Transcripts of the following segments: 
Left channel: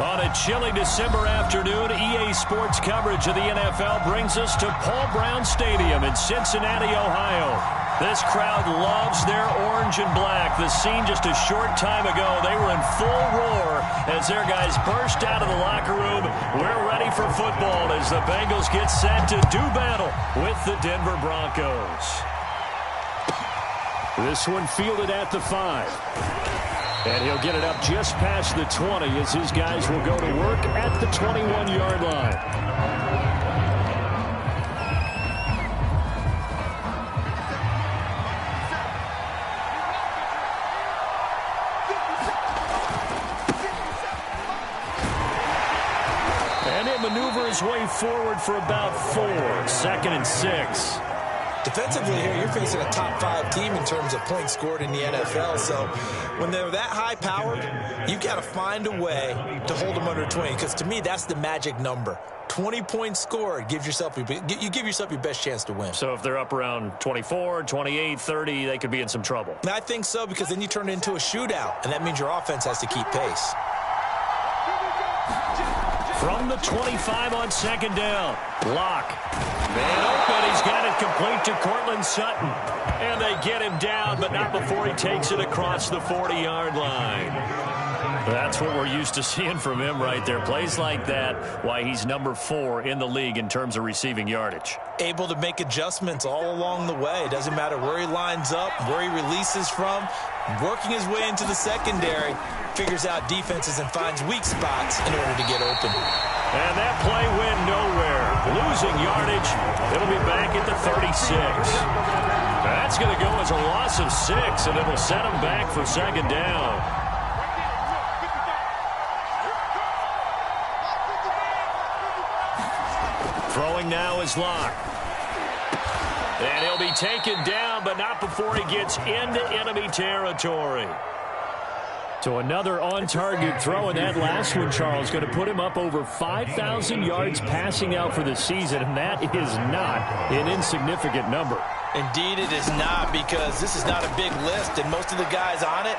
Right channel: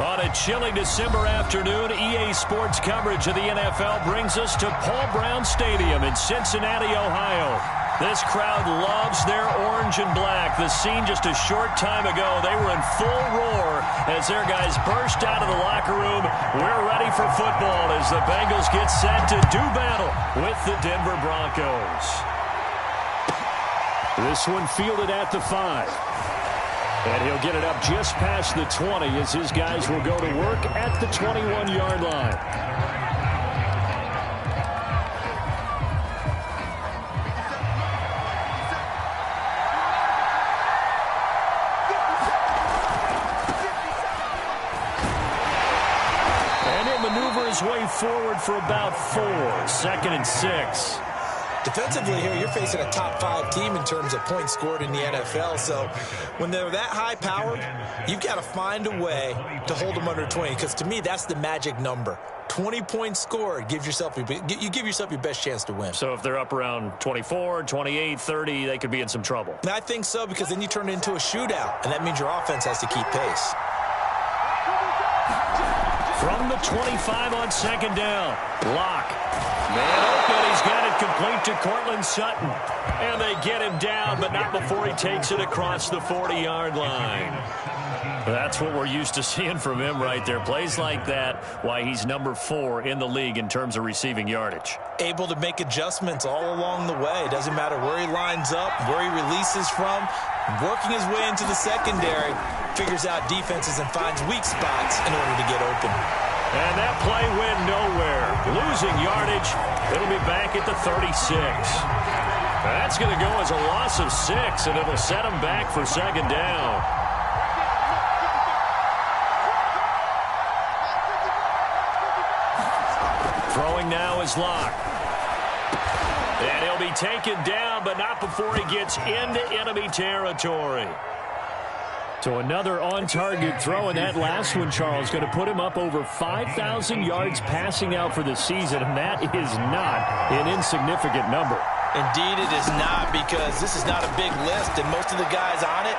On a chilly December afternoon, EA Sports coverage of the NFL brings us to Paul Brown Stadium in Cincinnati, Ohio. This crowd loves their orange and black. The scene just a short time ago, they were in full roar as their guys burst out of the locker room. We're ready for football as the Bengals get set to do battle with the Denver Broncos. This one fielded at the 5. And he'll get it up just past the 20 as his guys will go to work at the 21-yard line. And he'll maneuver his way forward for about 4. 2nd and 6. Defensively here, you're facing a top 5 team in terms of points scored in the NFL. So when they're that high powered, you've got to find a way to hold them under 20. Because to me, that's the magic number. 20 points scored, you give yourself your best chance to win. So if they're up around 24, 28, 30, they could be in some trouble. And I think so, because then you turn it into a shootout, and that means your offense has to keep pace. From the 25 on 2nd down, Locke. Man open, he's got it complete to Cortland Sutton. And they get him down, but not before he takes it across the 40-yard line. That's what we're used to seeing from him right there. Plays like that, why he's number 4 in the league in terms of receiving yardage. Able to make adjustments all along the way. Doesn't matter where he lines up, where he releases from. Working his way into the secondary, figures out defenses and finds weak spots in order to get open. And that play went nowhere. Losing yardage. It'll be back at the 36. That's going to go as a loss of 6, and it'll set them back for 2nd down. Throwing now is Locke. And he'll be taken down, but not before he gets into enemy territory. So another on-target throw, and that last one, Charles, going to put him up over 5,000 yards passing out for the season, and that is not an insignificant number. Indeed it is not, because this is not a big list, and most of the guys on it,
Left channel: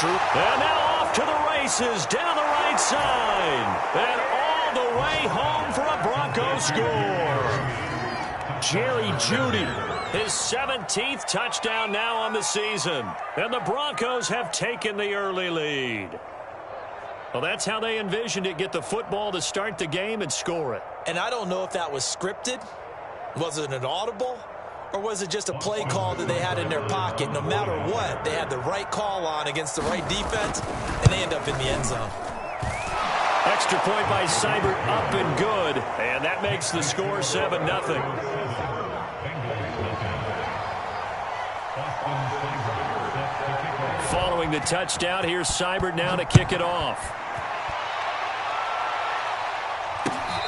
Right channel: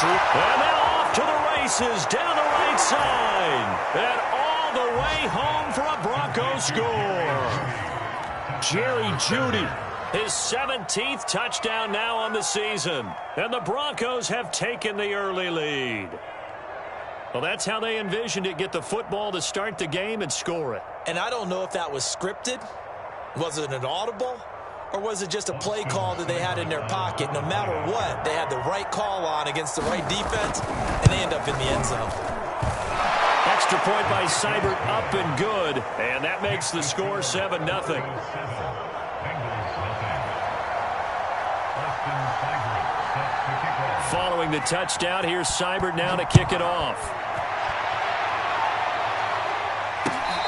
Drew. And now off to the races, down the right side, and all the way home for a Broncos score. Jerry Jeudy, his 17th touchdown now on the season. And the Broncos have taken the early lead. Well, that's how they envisioned it. Get the football to start the game and score it. And I don't know if that was scripted. Was it an audible? Or was it just a play call that they had in their pocket? No matter what, they had the right call on against the right defense, and they end up in the end zone. Extra point by Seibert, up and good. And that makes the score 7-0. Following the touchdown, here's Seibert now to kick it off.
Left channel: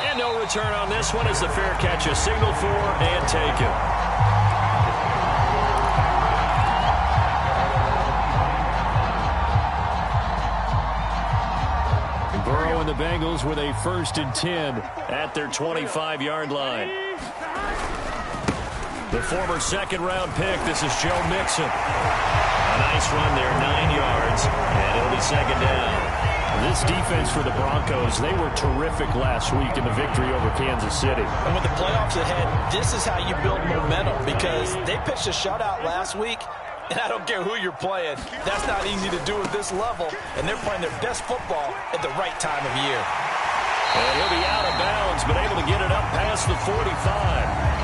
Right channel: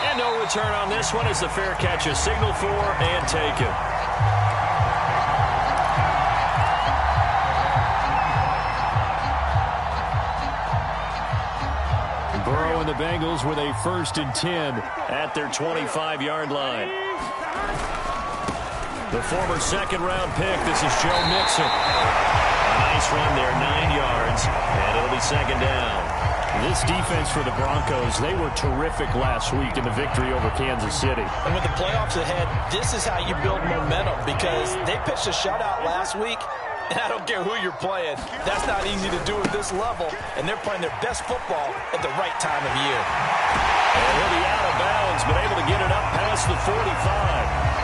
And no return on this one as the fair catch is signaled for and taken. Burrow and the Bengals with a 1st and 10 at their 25-yard line. The former 2nd-round pick, this is Joe Mixon. A nice run there, 9 yards, and it'll be 2nd down. This defense for the Broncos, they were terrific last week in the victory over Kansas City. And with the playoffs ahead, this is how you build momentum, because they pitched a shutout last week, and I don't care who you're playing. That's not easy to do at this level, and they're playing their best football at the right time of year. And he'll be out of bounds, but able to get it up past the 45.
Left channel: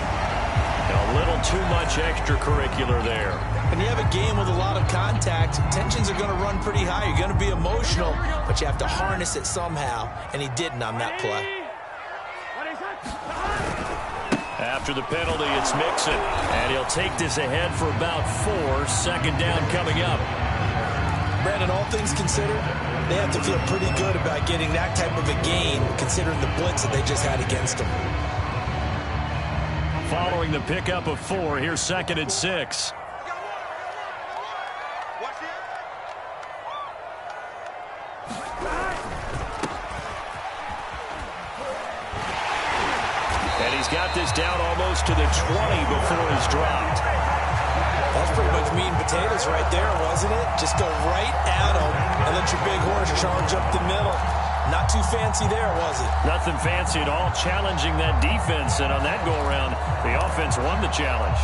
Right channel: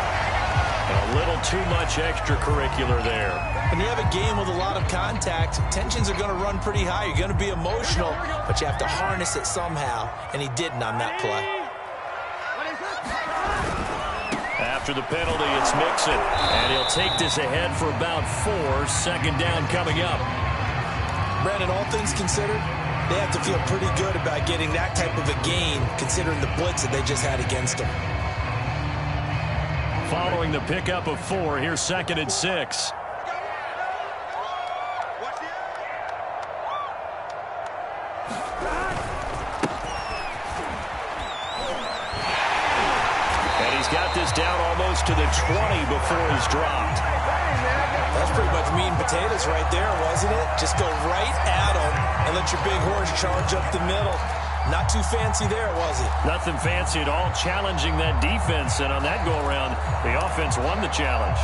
And a little too much extracurricular there. When you have a game with a lot of contact, tensions are going to run pretty high. You're going to be emotional, but you have to harness it somehow, and he didn't on that play. After the penalty, it's Mixon, and he'll take this ahead for about 4. 2nd down coming up. Brandon, all things considered, they have to feel pretty good about getting that type of a gain, considering the blitz that they just had against them. Following the pickup of 4, here's 2nd and 6. And he's got this down almost to the 20 before he's dropped. That's pretty much meat and potatoes right there, wasn't it? Just go right at him and let your big horse charge up the middle. Not too fancy there, was it? Nothing fancy at all, challenging that defense. And on that go-around, the offense won the challenge.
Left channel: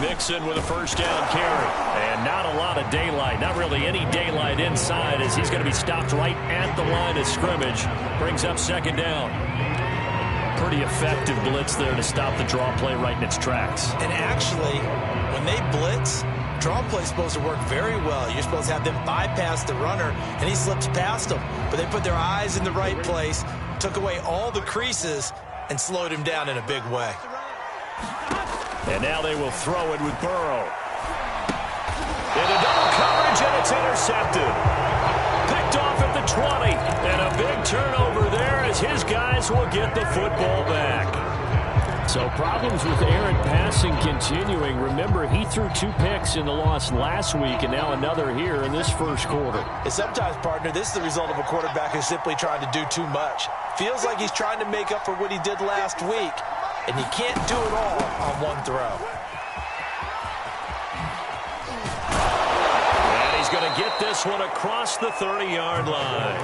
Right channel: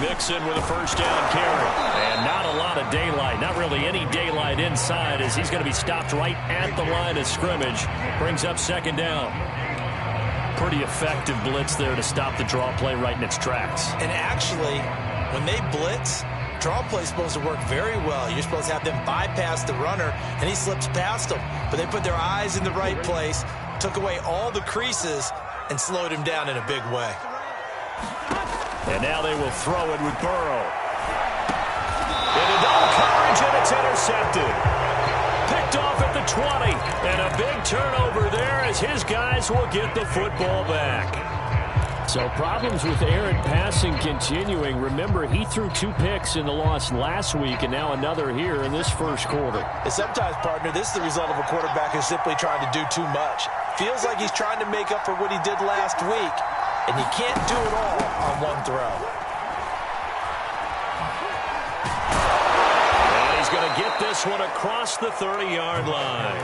Mixon with a first down carry. And not a lot of daylight. Not really any daylight inside as he's going to be stopped right at the line of scrimmage. Brings up second down. Pretty effective blitz there to stop the draw play right in its tracks. And actually, when they blitz, draw play is supposed to work very well. You're supposed to have them bypass the runner, and he slips past them. But they put their eyes in the right place, took away all the creases, and slowed him down in a big way. And now they will throw it with Burrow. Into double coverage, and it's intercepted. Picked off at the 20. And a big turnover there as his guys will get the football back. So problems with errant passing continuing. Remember, he threw 2 picks in the loss last week, and now another here in this first quarter. And sometimes, partner, this is the result of a quarterback who's simply trying to do too much. Feels like he's trying to make up for what he did last week. And you can't do it all on one throw. And he's going to get this one across the 30-yard line.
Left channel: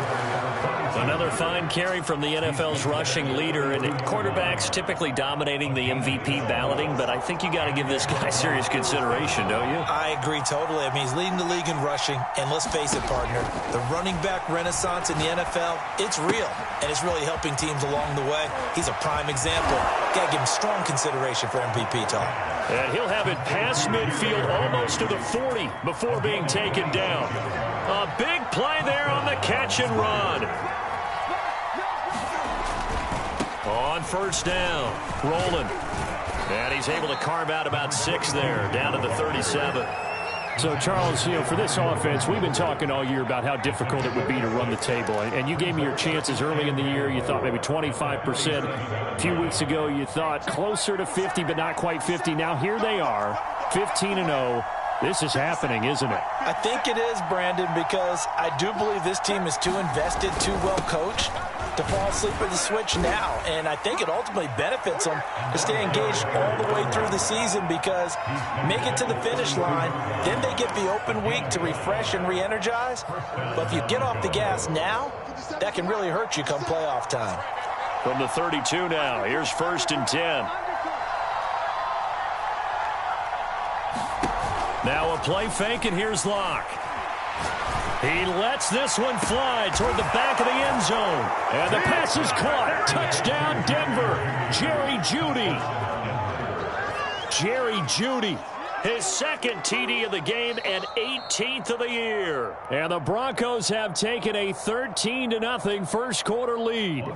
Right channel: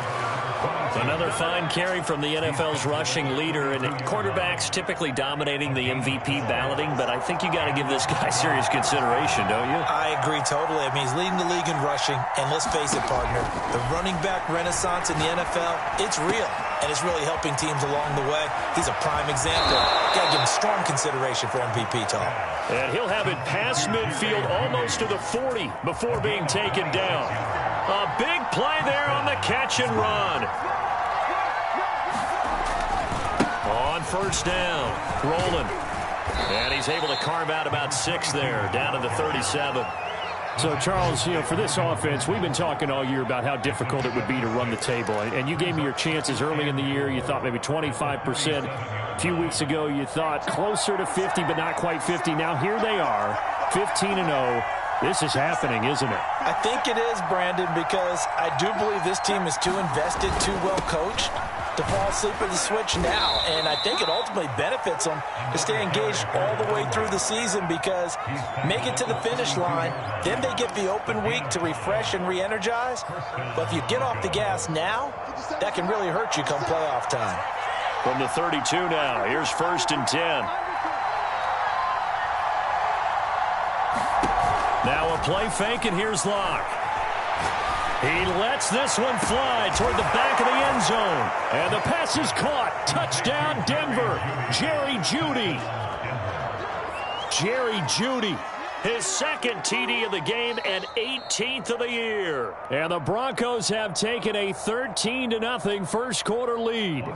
Another fine carry from the NFL's rushing leader, and quarterbacks typically dominating the MVP balloting, but I think you got to give this guy serious consideration, don't you? I agree totally. I mean, he's leading the league in rushing, and let's face it, partner, the running back renaissance in the NFL, it's real, and it's really helping teams along the way. He's a prime example. Got to give him strong consideration for MVP talk. And he'll have it past midfield almost to the 40 before being taken down. A big play there on the catch and run. On first down, Roland. And he's able to carve out about 6 there, down to the 37. So, Charles, for this offense, we've been talking all year about how difficult it would be to run the table. And you gave me your chances early in the year. You thought maybe 25%. A few weeks ago, you thought closer to 50, but not quite 50. Now here they are, 15-0. This is happening, isn't it? I think it is, Brandon, because I do believe this team is too invested, too well coached to fall asleep at the switch now. And I think it ultimately benefits them to stay engaged all the way through the season, because make it to the finish line, then they get the open week to refresh and re-energize. But if you get off the gas now, that can really hurt you come playoff time. From the 32 now, here's 1st and 10. Now a play fake, and here's Locke. He lets this one fly toward the back of the end zone. And the pass is caught. Touchdown, Denver. Jerry Jeudy. Jerry Jeudy. His second TD of the game and 18th of the year. And the Broncos have taken a 13-0 first quarter lead.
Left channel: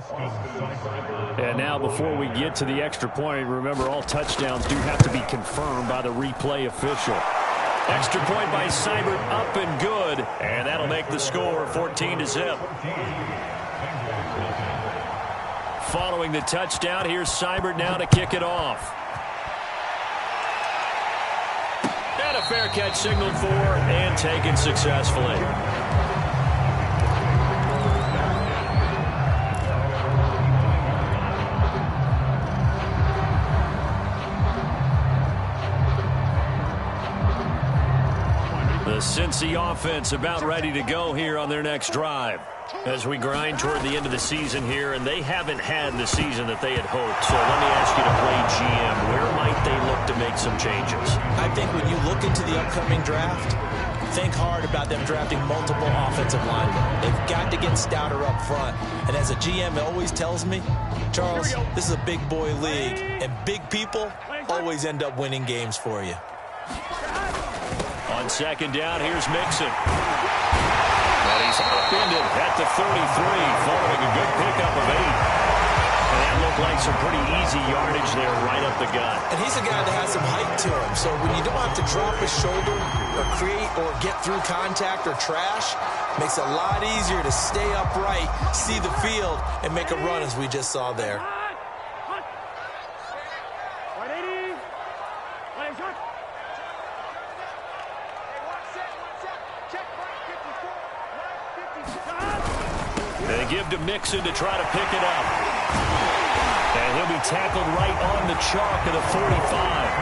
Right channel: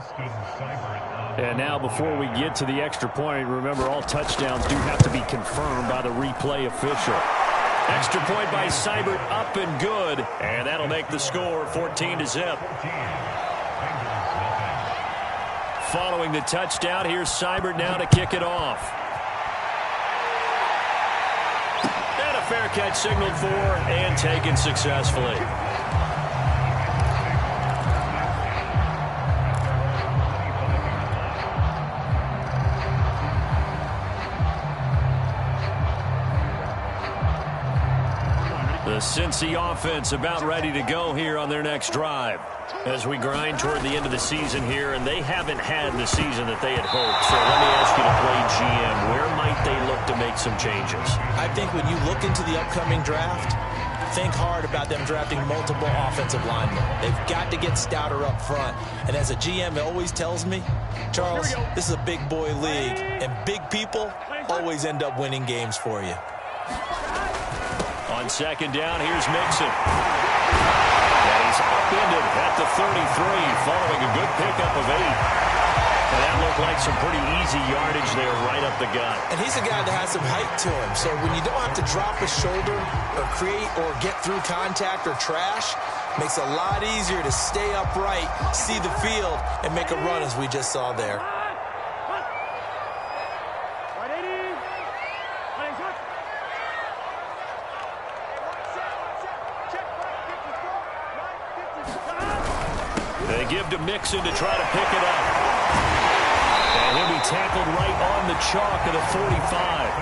And now before we get to the extra point, remember all touchdowns do have to be confirmed by the replay official. Extra point by Seibert, up and good. And that'll make the score 14-0. Following the touchdown, here's Seibert now to kick it off. And a fair catch signaled for and taken successfully. The Cincy offense about ready to go here on their next drive as we grind toward the end of the season here, and they haven't had the season that they had hoped. So let me ask you to play GM. Where might they look to make some changes? I think when you look into the upcoming draft, think hard about them drafting multiple offensive linemen. They've got to get stouter up front. And as a GM, it always tells me, Charles, this is a big boy league, and big people always end up winning games for you. On second down, here's Mixon. And he's upended at the 33, following a good pickup of 8. And that looked like some pretty easy yardage there right up the gut. And he's a guy that has some height to him. So when you don't have to drop his shoulder or create or get through contact or trash, makes it a lot easier to stay upright, see the field, and make a run as we just saw there. give to Mixon to try to pick it up. And he'll be tackled right on the chalk of the 45.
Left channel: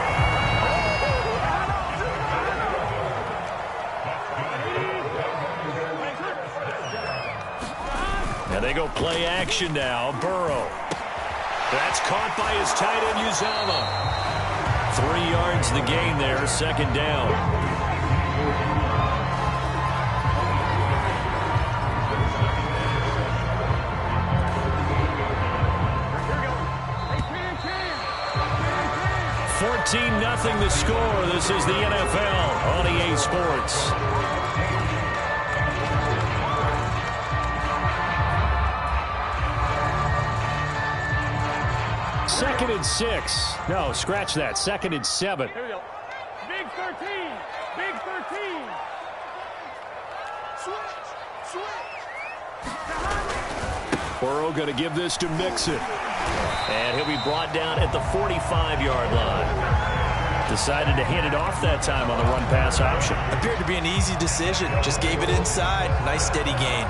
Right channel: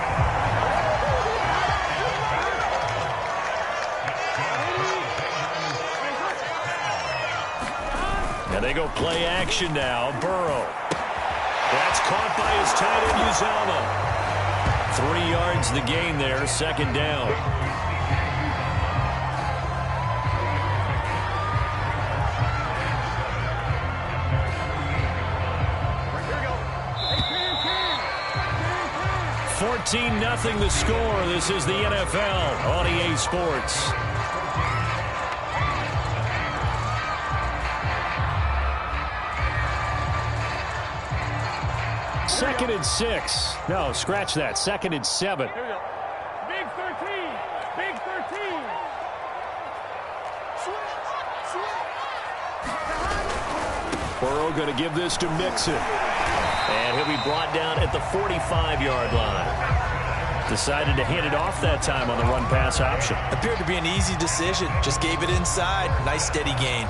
And they go play action now. Burrow. That's caught by his tight end, Uzomah. 3 yards the gain there, second down. Here we go. Hey, Cin. 14-0 the score. This is the NFL on EA Sports. Second and 6. No, scratch that. Second and 7. Here we go. Big 13. Big 13. Switch. Burrow going to give this to Mixon. And he'll be brought down at the 45-yard line. Decided to hand it off that time on the run-pass option. Appeared to be an easy decision. Just gave it inside. Nice steady gain.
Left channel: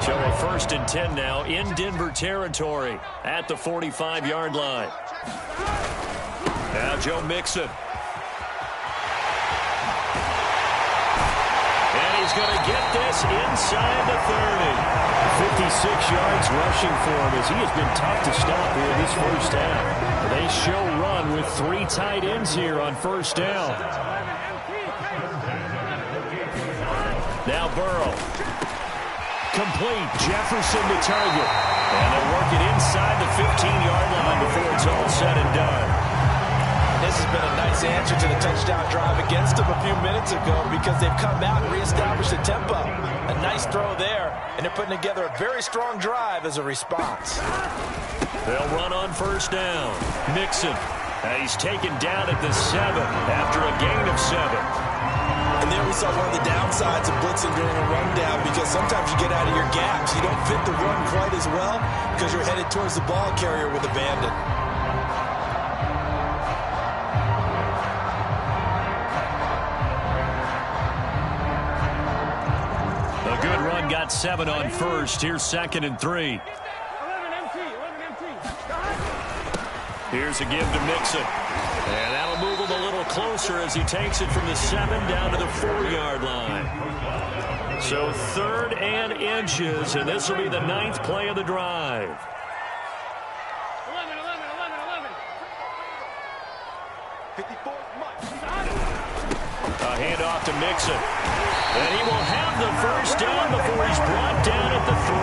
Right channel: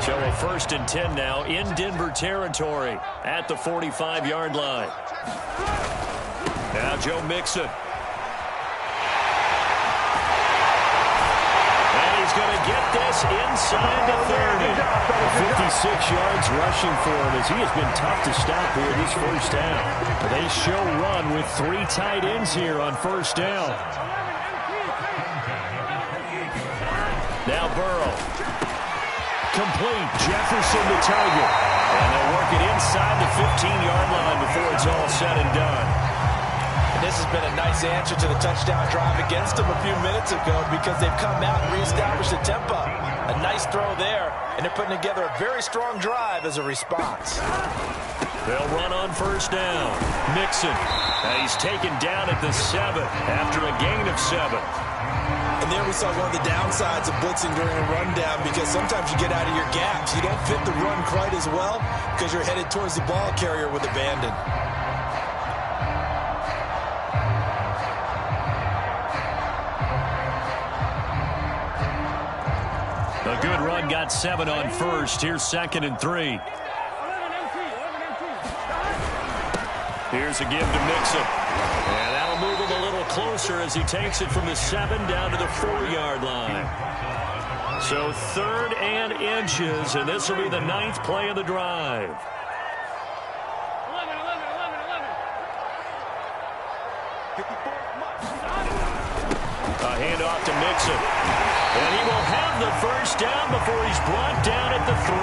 So a 1st and 10 now in Denver territory at the 45-yard line. Now Joe Mixon. And he's going to get this inside the 30. 56 yards rushing for him as he has been tough to stop here this first half. They show run with 3 tight ends here on first down. Now Burrow. Complete. Jefferson the target. And they'll work it inside the 15-yard line before it's all said and done. And this has been a nice answer to the touchdown drive against them a few minutes ago because they've come out and reestablished the tempo. A nice throw there, and they're putting together a very strong drive as a response. They'll run on first down. Mixon. He's taken down at the 7 after a gain of 7. And there we saw one of the downsides of blitzing during a rundown because sometimes you get out of your gaps. You don't fit the run quite as well because you're headed towards the ball carrier with abandon. A good run got 7 on first. Here's 2nd and 3. 11 empty. 11 empty. Here's a give to Mixon. And that'll move him a little closer as he takes it from the 7 down to the 4-yard line. So 3rd and inches, and this will be the 9th play of the drive. 11. 54 A handoff to Mixon. And he will have the first down before he's brought down at the 3.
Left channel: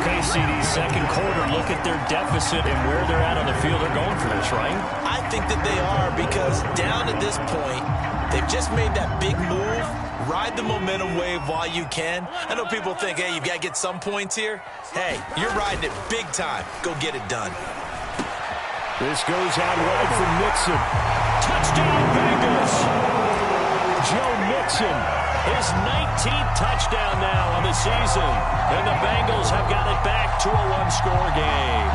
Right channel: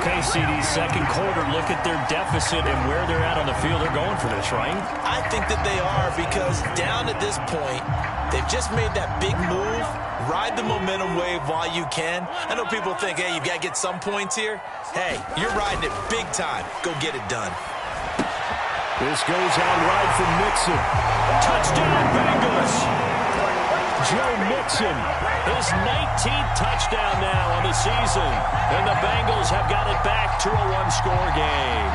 Okay, CD, second quarter, look at their deficit and where they're at on the field. They're going for this, right? I think that they are because down at this point, they've just made that big move. Ride the momentum wave while you can. I know people think, hey, you've got to get some points here. Hey, you're riding it big time. Go get it done. This goes out wide for Mixon. Touchdown, Bengals. Joe Mixon, his 19th touchdown now on the season. And the Bengals have got it back to a 1-score game.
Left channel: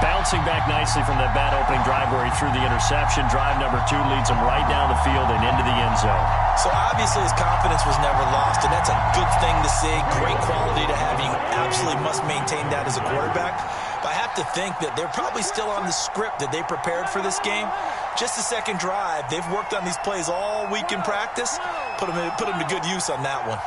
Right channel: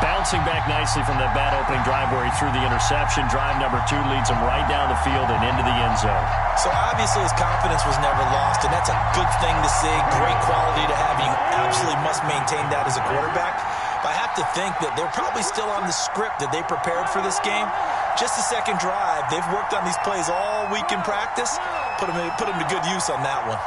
Bouncing back nicely from that bad opening drive where he threw the interception. Drive number 2 leads him right down the field and into the end zone. So obviously his confidence was never lost, and that's a good thing to see. Great quality to have. You absolutely must maintain that as a quarterback. But I have to think that they're probably still on the script that they prepared for this game. Just the second drive. They've worked on these plays all week in practice. Put them to good use on that one.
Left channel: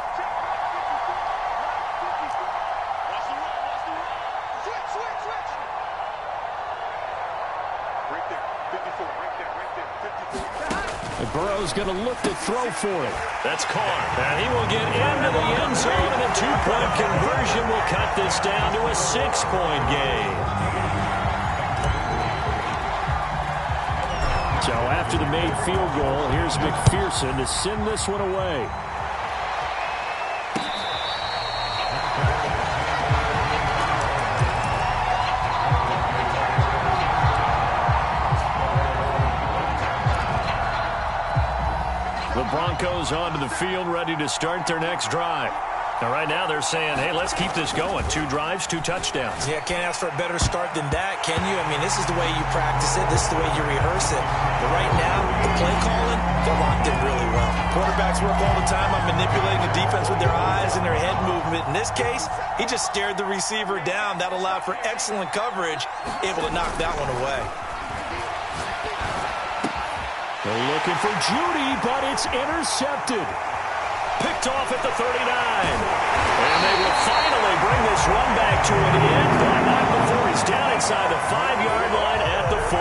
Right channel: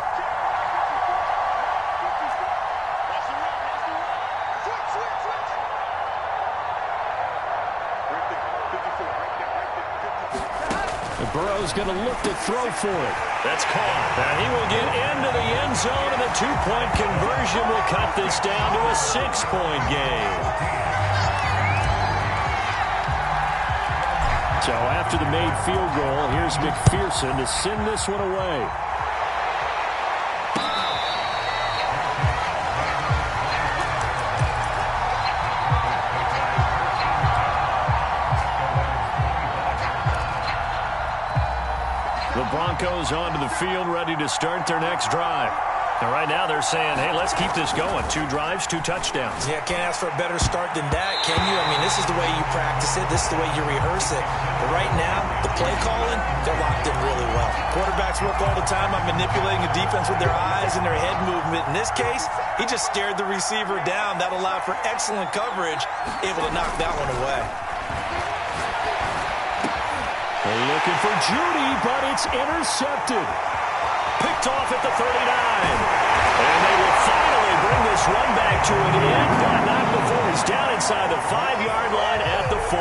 Burrow's going to look to throw for it. That's caught. And he will get into the end zone, and the 2-point conversion will cut this down to a 6-point game. So after the made field goal, here's McPherson to send this one away. The Broncos onto the field, ready to start their next drive. And right now they're saying, hey, let's keep this going. 2 drives, 2 touchdowns. Yeah, can't ask for a better start than that, can you? I mean, this is the way you practice it. This is the way you rehearse it. But right now, the play calling, they're locked in really well. Quarterbacks work all the time on manipulating a defense with their eyes and their head movement. In this case, he just stared the receiver down. That allowed for excellent coverage, able to knock that one away. They're looking for Judy, but it's intercepted. Picked off at the 39. And they will finally bring this run back to an end, but not before he's down inside the 5-yard line at the 4.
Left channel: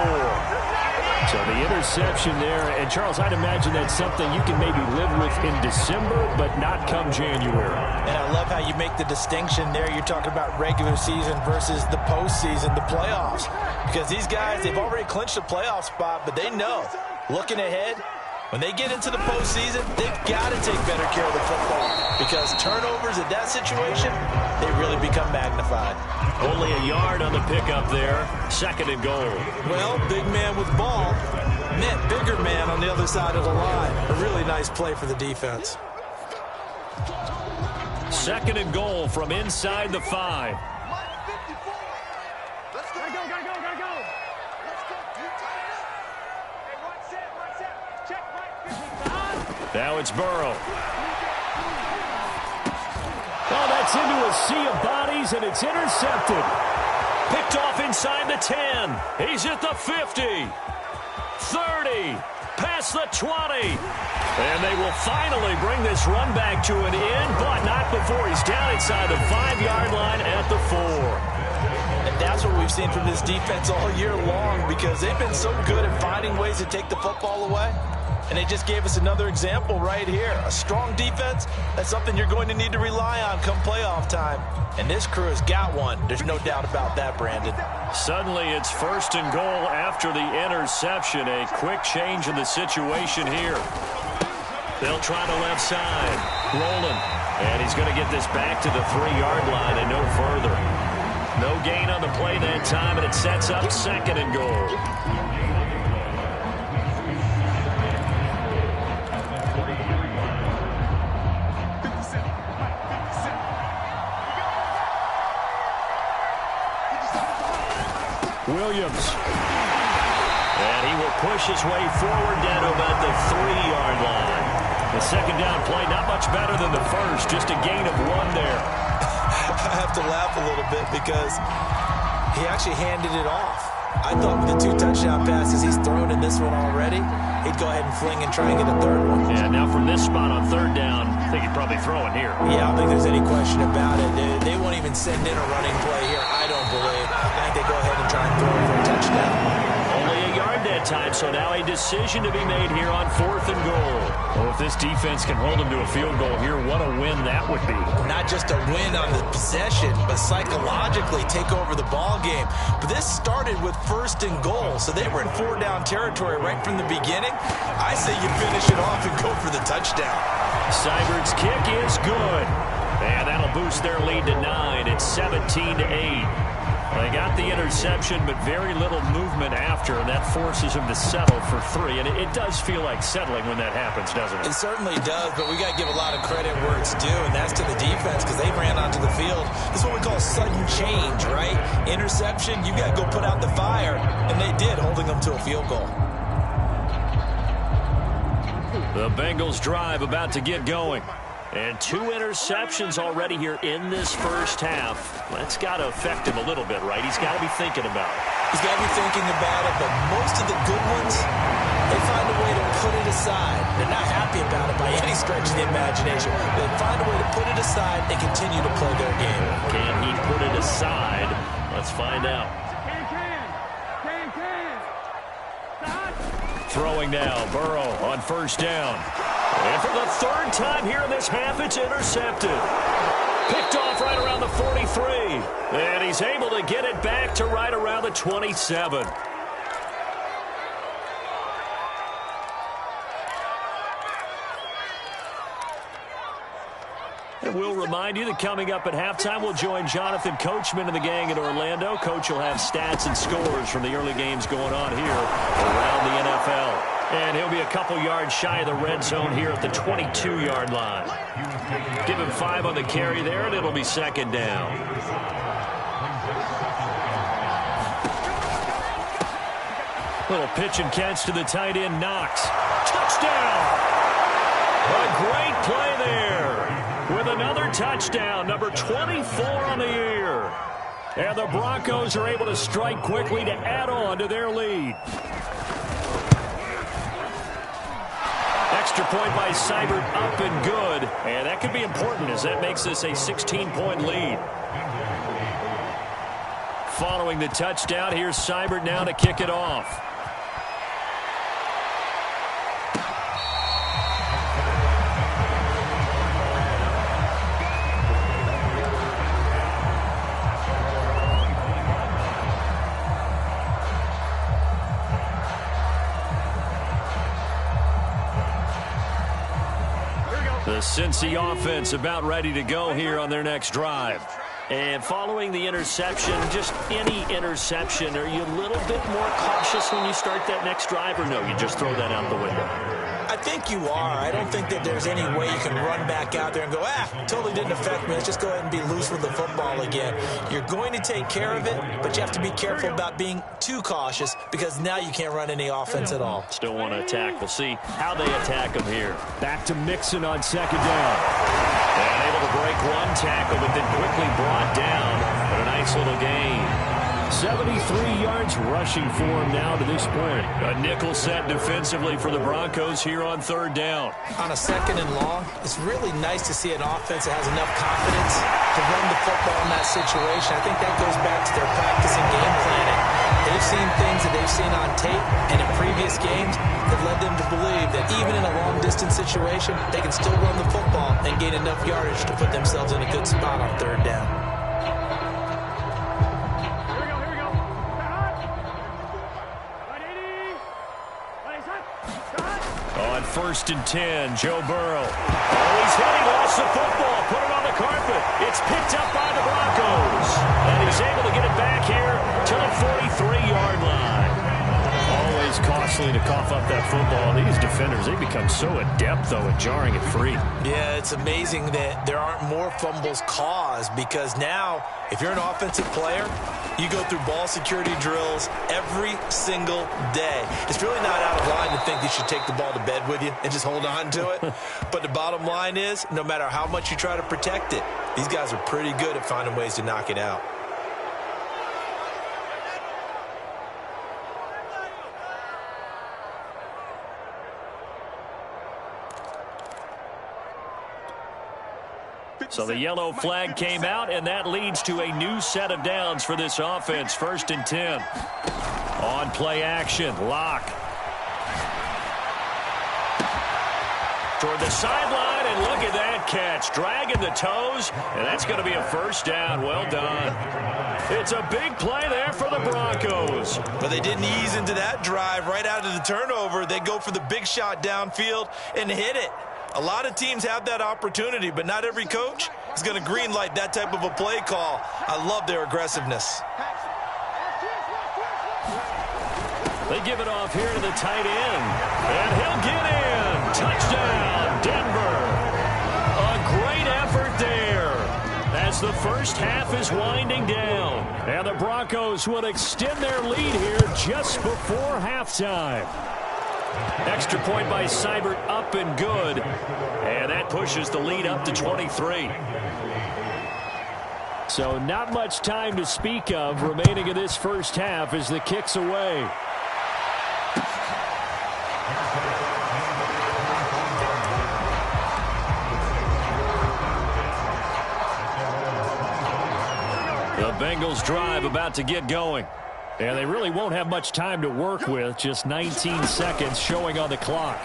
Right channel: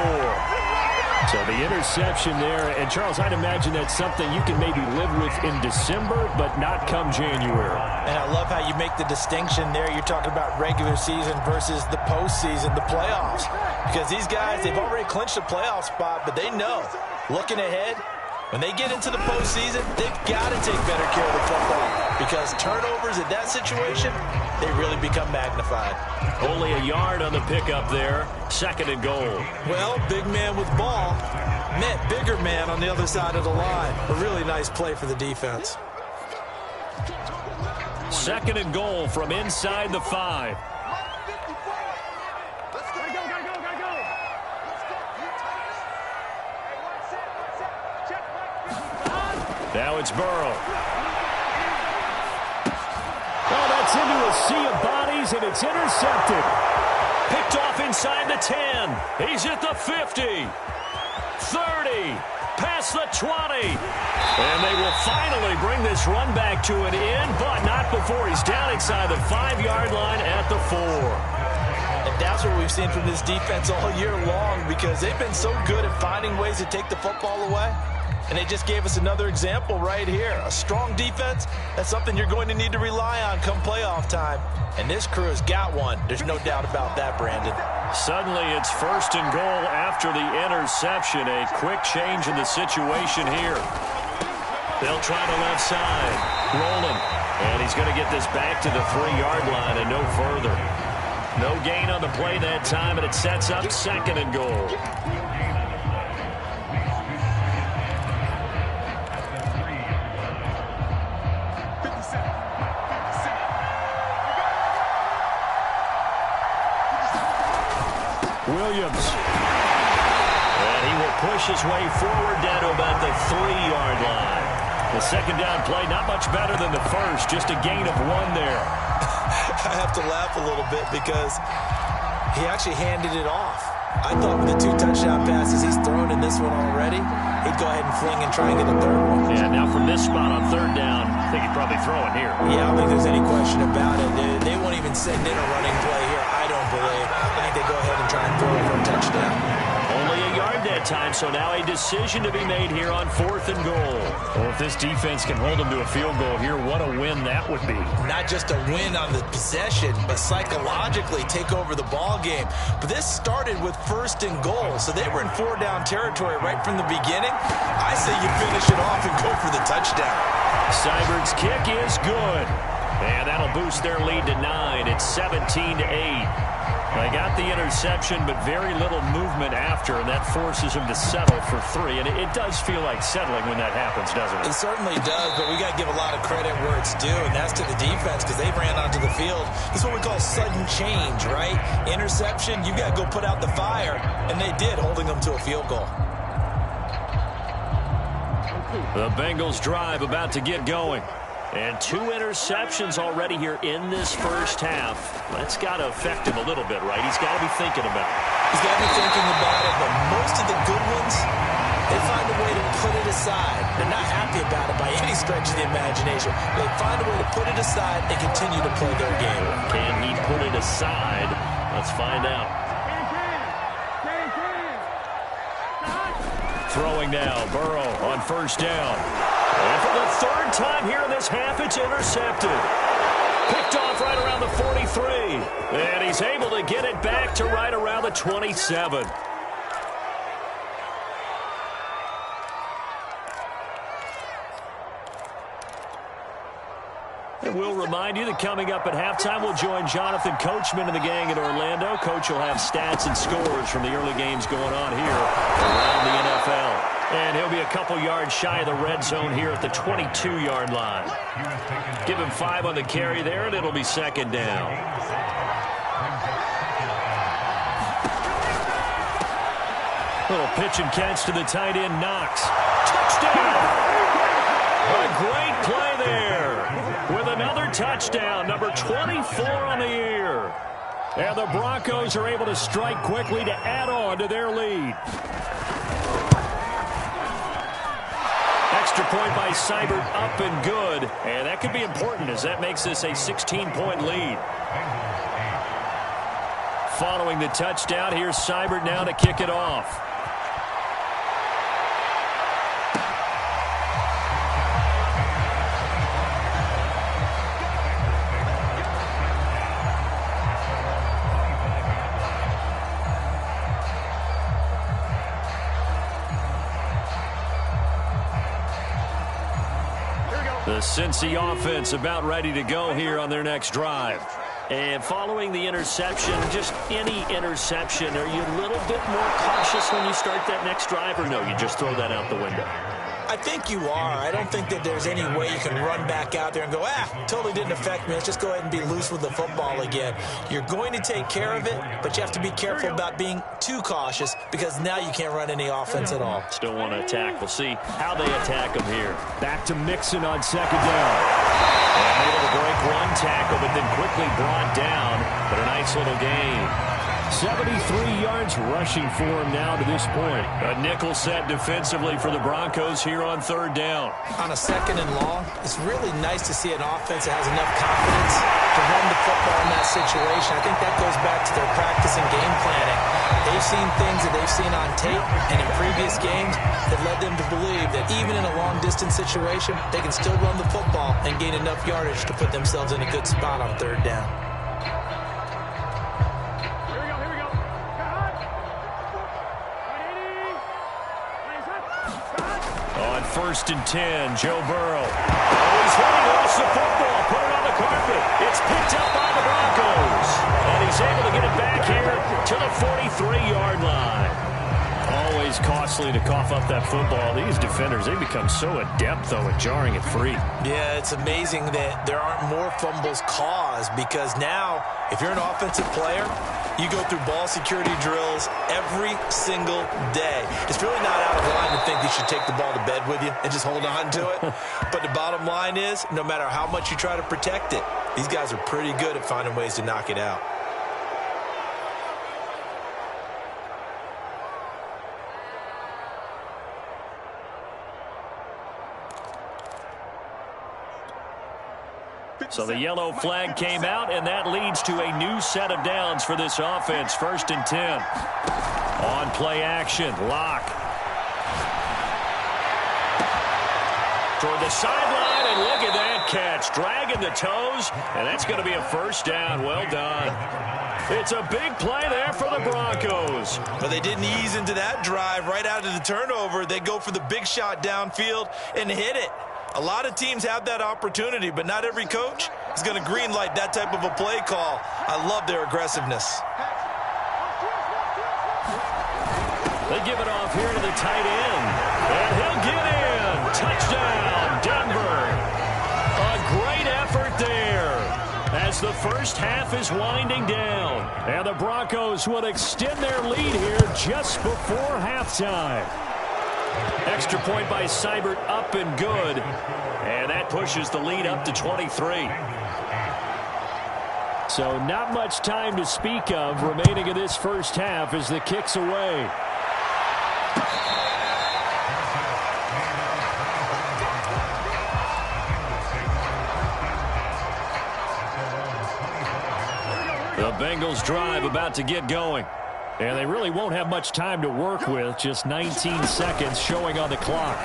So the interception there, and Charles, I'd imagine that's something you can maybe live with in December, but not come January. And I love how you make the distinction there. You're talking about regular season versus the postseason, the playoffs. Because these guys, they've already clinched a playoff spot, but they know, looking ahead, when they get into the postseason, they've got to take better care of the football because turnovers in that situation, they really become magnified. Only a yard on the pickup there. 2nd and goal. Well, big man with ball met bigger man on the other side of the line. A really nice play for the defense. 2nd and goal from inside the 5. Gotta go. Now it's Burrow. Oh, that's into a sea of bodies, and it's intercepted. Picked off inside the 10. He's at the 50. 30. Past the 20. And they will finally bring this run back to an end, but not before he's down inside the 5-yard line at the 4. And that's what we've seen from this defense all year long because they've been so good at finding ways to take the football away. And they just gave us another example right here. A strong defense, that's something you're going to need to rely on come playoff time. And this crew has got one. There's no doubt about that, Brandon. Suddenly it's 1st and goal after the interception. A quick change in the situation here. They'll try the left side. Rolling. And he's going to get this back to the 3-yard line and no further. No gain on the play that time, and it sets up 2nd and goal. Williams. And he will push his way forward down to about the 3-yard line. The 2nd down play, not much better than the first, just a gain of 1 there. I have to laugh a little bit because he actually handed it off. I thought with the 2 touchdown passes he's thrown in this one already, he'd go ahead and fling and try and get a 3rd one. Yeah, now from this spot on 3rd down, I think he'd probably throw it here. Yeah, I don't think there's any question about it. They won't even send in a running play here, I don't believe. I think they go ahead and try and throw it for a touchdown. Only a yard that time, so now a decision to be made here on 4th and goal. Oh, if this defense can hold them to a field goal here, what a win that would be. Not just a win on the possession, but psychologically take over the ball game. But this started with 1st and goal, so they were in 4-down territory right from the beginning. I say you finish it off and go for the touchdown. Seibert's kick is good. And that'll boost their lead to 9. It's 17-8. They got the interception, but very little movement after, and that forces them to settle for 3. And it does feel like settling when that happens, doesn't it? It certainly does, but we got to give a lot of credit where it's due, and that's to the defense because they ran onto the field. This is what we call sudden change, right? Interception, you got to go put out the fire, and they did, holding them to a field goal. The Bengals drive about to get going. And 2 interceptions already here in this first half. That's got to affect him a little bit, right? He's got to be thinking about it. He's got to be thinking about it, but most of the good ones, they find a way to put it aside. They're not happy about it by any stretch of the imagination. They find a way to put it aside and continue to play their game. Can he put it aside? Let's find out. Throwing now, Burrow on 1st down. And for the 3rd time here in this half, it's intercepted. Picked off right around the 43. And he's able to get it back to right around the 27. And we'll remind you that coming up at halftime, we'll join Jonathan Coachman and the gang in Orlando. Coach will have stats and scores from the early games going on here around the NFL. And he'll be a couple yards shy of the red zone here at the 22-yard line. Give him 5 on the carry there, and it'll be second down. Little pitch and catch to the tight end, Knox. Touchdown! A great play there with another touchdown, number 24 on the year. And the Broncos are able to strike quickly to add on to their lead. Extra point by Seibert, up and good. And that could be important as that makes this a 16-point lead. Following the touchdown, here's Seibert now to kick it off. The Cincy offense about ready to go here on their next drive. And following the interception, just any interception, are you a little bit more cautious when you start that next drive, or no, you just throw that out the window? I think you are. I don't think that there's any way you can run back out there and go, totally didn't affect me. Let's just go ahead and be loose with the football again. You're going to take care of it, but you have to be careful about being too cautious because now you can't run any offense at all. Still want to attack. We'll see how they attack them here. Back to Mixon on second down. And able to break one tackle, but then quickly brought down. But a nice little gain. 73 yards rushing for him now to this point. A nickel set defensively for the Broncos here on third down. On a second and long, it's really nice to see an offense that has enough confidence to run the football in that situation. I think that goes back to their practice and game planning. They've seen things that they've seen on tape and in previous games that led them to believe that even in a long-distance situation, they can still run the football and gain enough yardage to put themselves in a good spot on third down. On 1st and 10, Joe Burrow. Oh, he's hit. He lost the football. Put it on the carpet. It's picked up by the Broncos. And he's able to get it back here to the 43-yard line. Always costly to cough up that football. These defenders, they become so adept, though, at jarring it free. Yeah, it's amazing that there aren't more fumbles caused because now, if you're an offensive player, you go through ball security drills every single day. It's really not out of line to think you should take the ball to bed with you and just hold on to it. But the bottom line is, no matter how much you try to protect it, these guys are pretty good at finding ways to knock it out. So the yellow flag came out, and that leads to a new set of downs for this offense. 1st and 10. On play action, Locke. Toward the sideline, and look at that catch. Dragging the toes, and that's going to be a first down. Well done. It's a big play there for the Broncos. But they didn't ease into that drive right out of the turnover. They go for the big shot downfield and hit it. A lot of teams have that opportunity, but not every coach is going to greenlight that type of a play call. I love their aggressiveness. They give it off here to the tight end, and he'll get in. Touchdown, Denver. A great effort there as the first half is winding down. And the Broncos will extend their lead here just before halftime. Extra point by Seibert, up and good. And that pushes the lead up to 23. So not much time to speak of remaining in this first half as the kick's away. The Bengals drive about to get going. And they really won't have much time to work with. Just 19 seconds showing on the clock.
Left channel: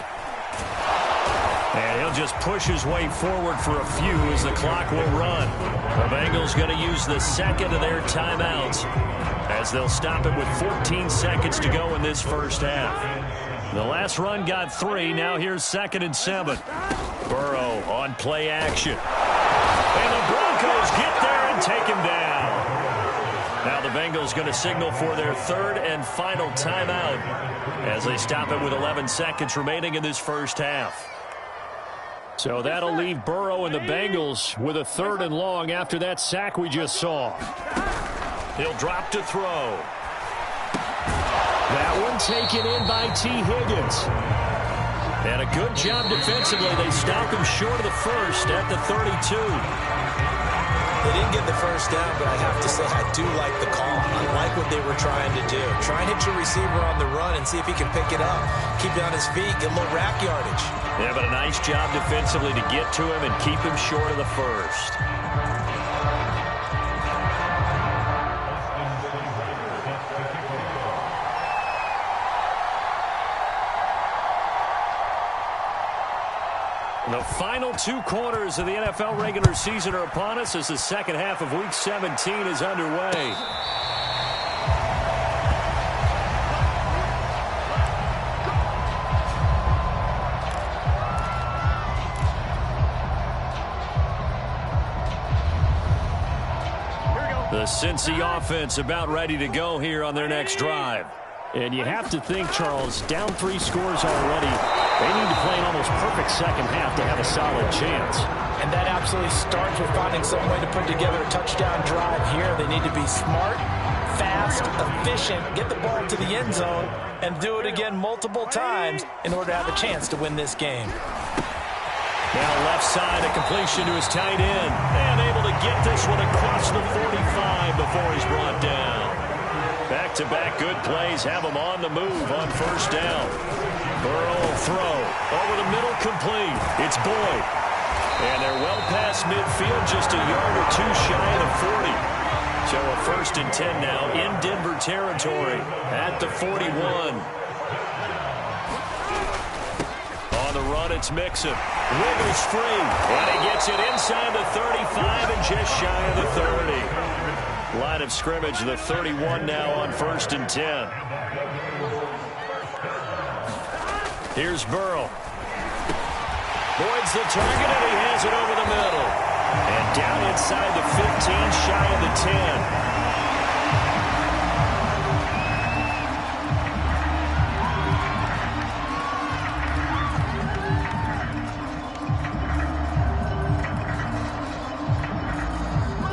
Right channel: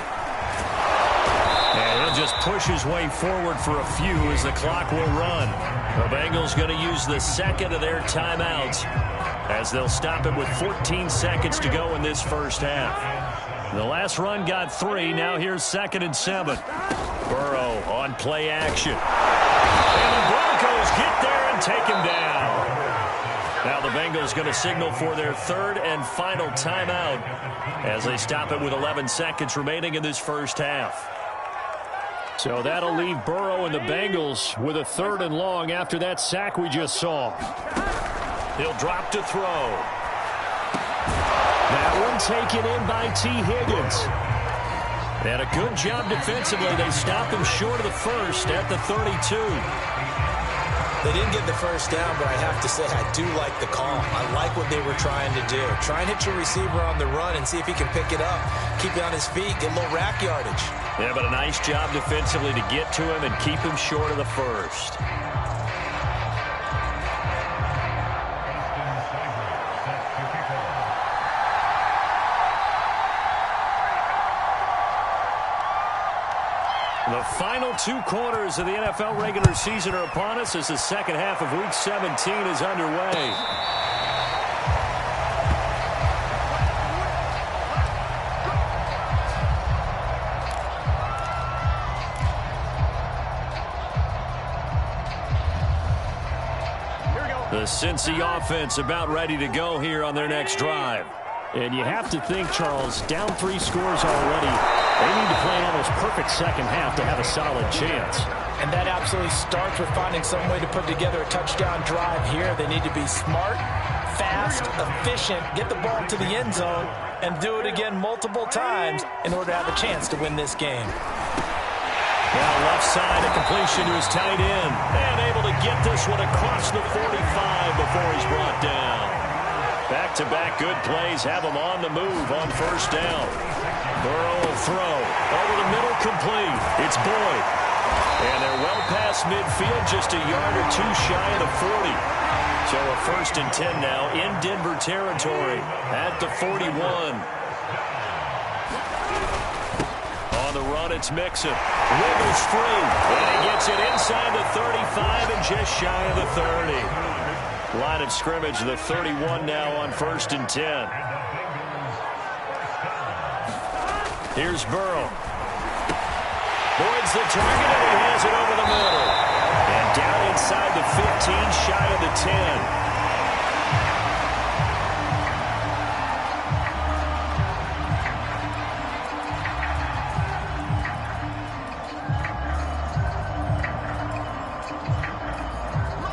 And he'll just push his way forward for a few as the clock will run. The Bengals going to use the second of their timeouts as they'll stop it with 14 seconds to go in this first half. The last run got 3. Now here's 2nd and 7. Burrow on play action. And the Broncos get there and take him down. Now the Bengals going to signal for their third and final timeout as they stop it with 11 seconds remaining in this first half. So that'll leave Burrow and the Bengals with a third and long after that sack we just saw. He'll drop to throw. That one taken in by T. Higgins. And a good job defensively. They stopped him short of the first at the 32. They didn't get the first down, but I have to say I do like the call. I like what they were trying to do. Try and hit your receiver on the run and see if he can pick it up. Keep it on his feet, get a little rack yardage. Yeah, but a nice job defensively to get to him and keep him short of the first. The final 2 quarters of the NFL regular season are upon us as the second half of Week 17 is underway. The Cincy offense about ready to go here on their next drive. And you have to think, Charles, down 3 scores already. They need to play an almost perfect second half to have a solid chance. And that absolutely starts with finding some way to put together a touchdown drive here. They need to be smart, fast, efficient, get the ball to the end zone, and do it again multiple times in order to have a chance to win this game. Now left side, a completion to his tight end. And able to get this one across the 45 before he's brought down. Back-to-back good plays have him on the move on first down. Burrow will throw. Over the middle, complete. It's Boyd. And they're well past midfield, just a yard or 2 shy of the 40. So a 1st and 10 now in Denver territory at the 41. On the run, it's Mixon. Wiggles free. And he gets it inside the 35 and just shy of the 30. Line of scrimmage, the 31 now on 1st and 10. Here's Burrow. Boyd's the target, and he has it over the middle. And down inside the 15, shy of the 10.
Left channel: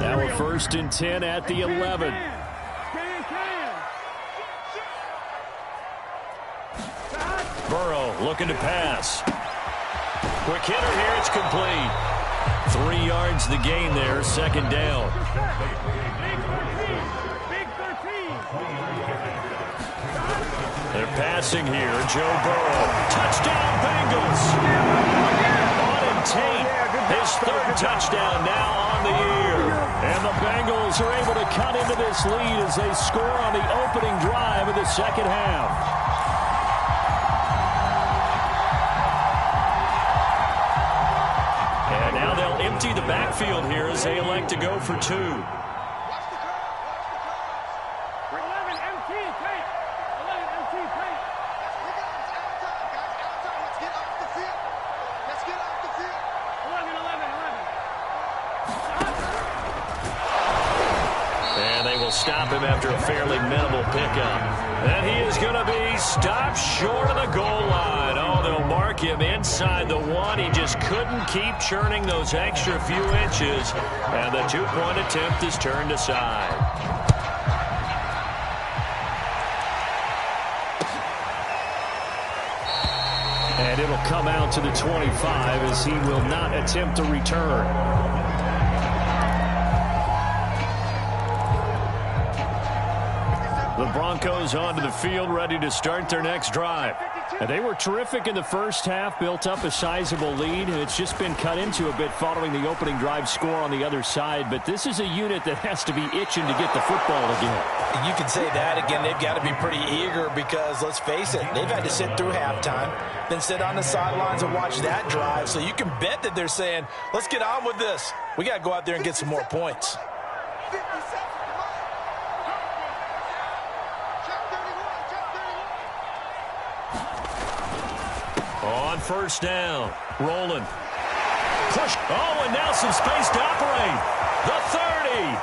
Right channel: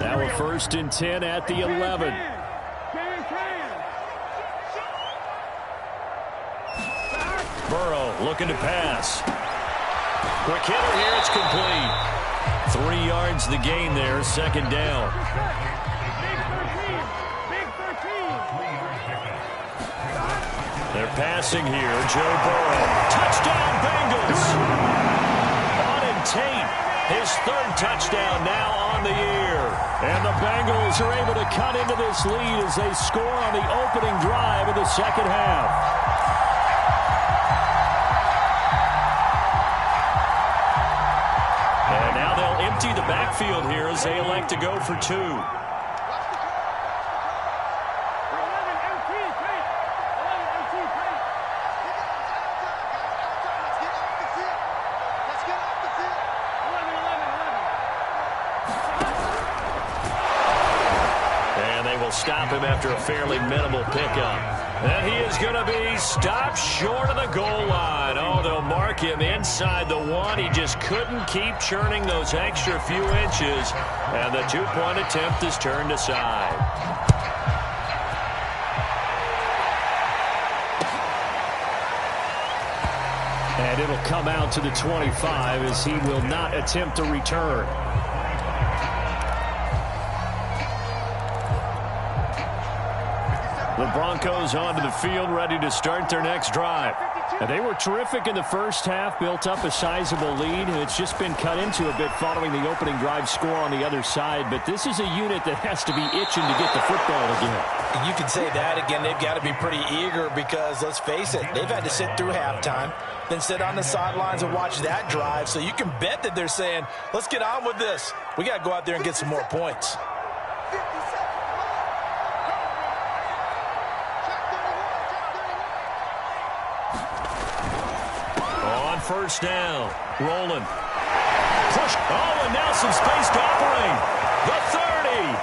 Now a 1st and 10 at the 11. Burrow looking to pass. Quick hitter here, it's complete. 3 yards the gain there, 2nd down. Big 13. They're passing here, Joe Burrow. Touchdown Bengals! Auden Tate, his 3rd touchdown now on the year. And the Bengals are able to cut into this lead as they score on the opening drive of the second half. And now they'll empty the backfield here as they elect to go for 2. 11 MT, tight. 11 MT, tight. We got out time, guys. Out time. Let's get off the field. Let's get off the field. 11. And they will stop him after a fairly minimal pickup. And he is going to be stopped short of the goal line. Oh, they'll mark him inside the 1. He just couldn't keep churning those extra few inches. And the 2-point attempt is turned aside. And it'll come out to the 25 as he will not attempt to return. The Broncos onto the field, ready to start their next drive. And they were terrific in the first half, built up a sizable lead, and it's just been cut into a bit following the opening drive score on the other side. But this is a unit that has to be itching to get the football again. You can say that again. They've got to be pretty eager because, let's face it, they've had to sit through halftime, then sit on the sidelines and watch that drive. So you can bet that they're saying, let's get on with this. We got to go out there and get some more points. 50 seconds. On first down, rolling. Push. Oh, and now some space to operate. The 30.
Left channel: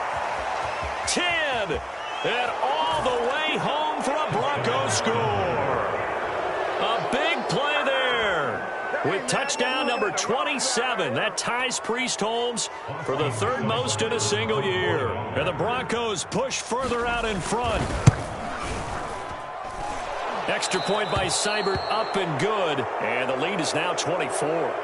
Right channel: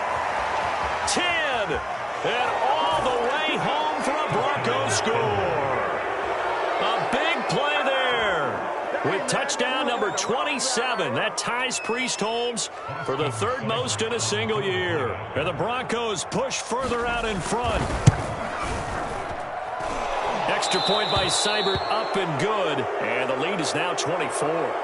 10, and all the way home for a Broncos score. A big play there with touchdown number 27. That ties Priest Holmes for the third most in a single year. And the Broncos push further out in front. Extra point by Seibert, up and good. And the lead is now 24.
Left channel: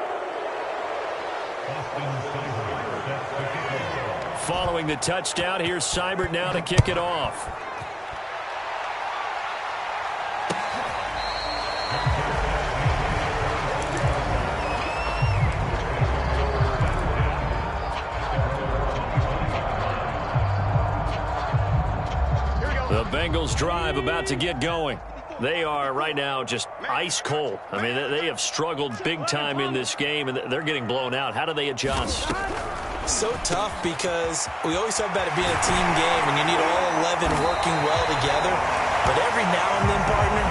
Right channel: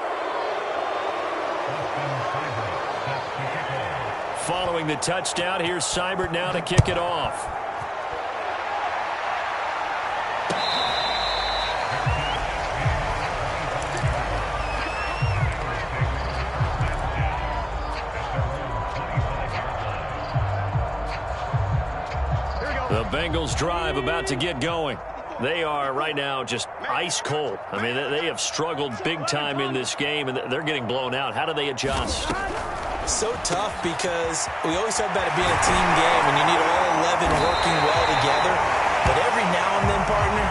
Following the touchdown, here's Seibert now to kick it off. The Bengals drive about to get going. They are right now just ice cold. I mean, they have struggled big time in this game, and they're getting blown out. How do they adjust? So tough because we always talk about it being a team game, and you need all 11 working well together. But every now and then, partner,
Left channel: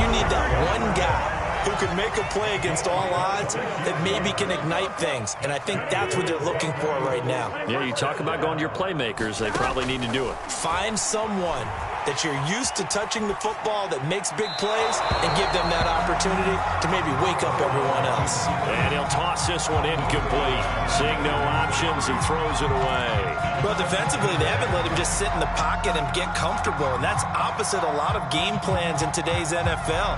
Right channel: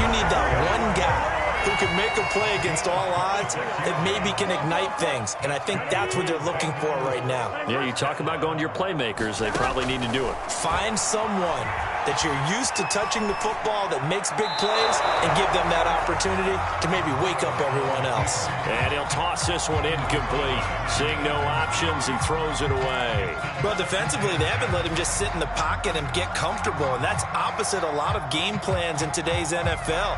you need that one guy who can make a play against all odds that maybe can ignite things. And I think that's what they're looking for right now. Yeah, you talk about going to your playmakers. They probably need to do it. Find someone that you're used to touching the football that makes big plays and give them that opportunity to maybe wake up everyone else. And he'll toss this one incomplete. Seeing no options, he throws it away. Well, defensively, they haven't let him just sit in the pocket and get comfortable, and that's opposite a lot of game plans in today's NFL.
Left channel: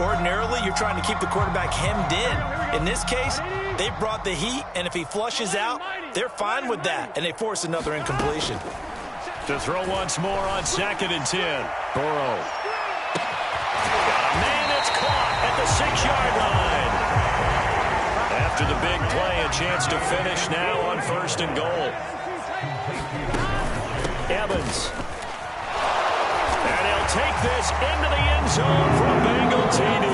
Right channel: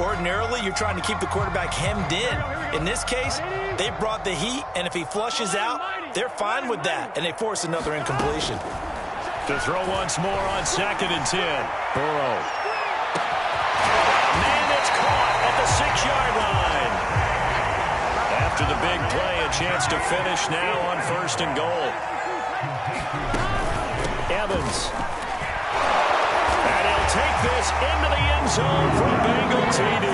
Ordinarily, you're trying to keep the quarterback hemmed in. In this case, they brought the heat, and if he flushes out, they're fine with that, and they force another incompletion. To throw once more on 2nd and 10. Burrow. Got a man that's caught at the 6-yard line. After the big play, a chance to finish now on 1st and goal. Evans. And he'll take this into the end zone for a Bengal TD.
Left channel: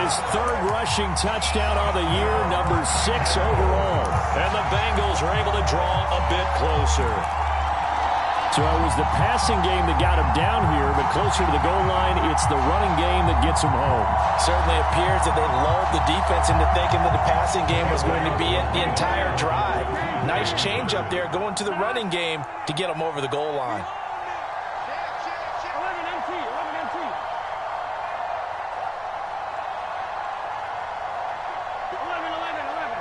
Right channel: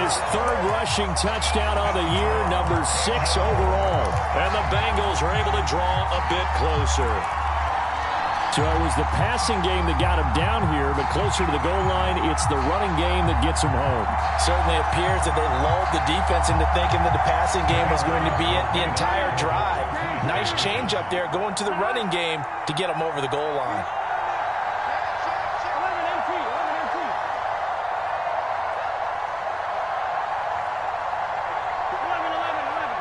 His third rushing touchdown on the year, number 6 overall. And the Bengals are able to draw a bit closer. So it was the passing game that got him down here, but closer to the goal line, it's the running game that gets him home. Certainly appears that they lulled the defense into thinking that the passing game was going to be it the entire drive. Nice change up there going to the running game to get them over the goal line. 11 MT, 11 MT. 11, 11, 11.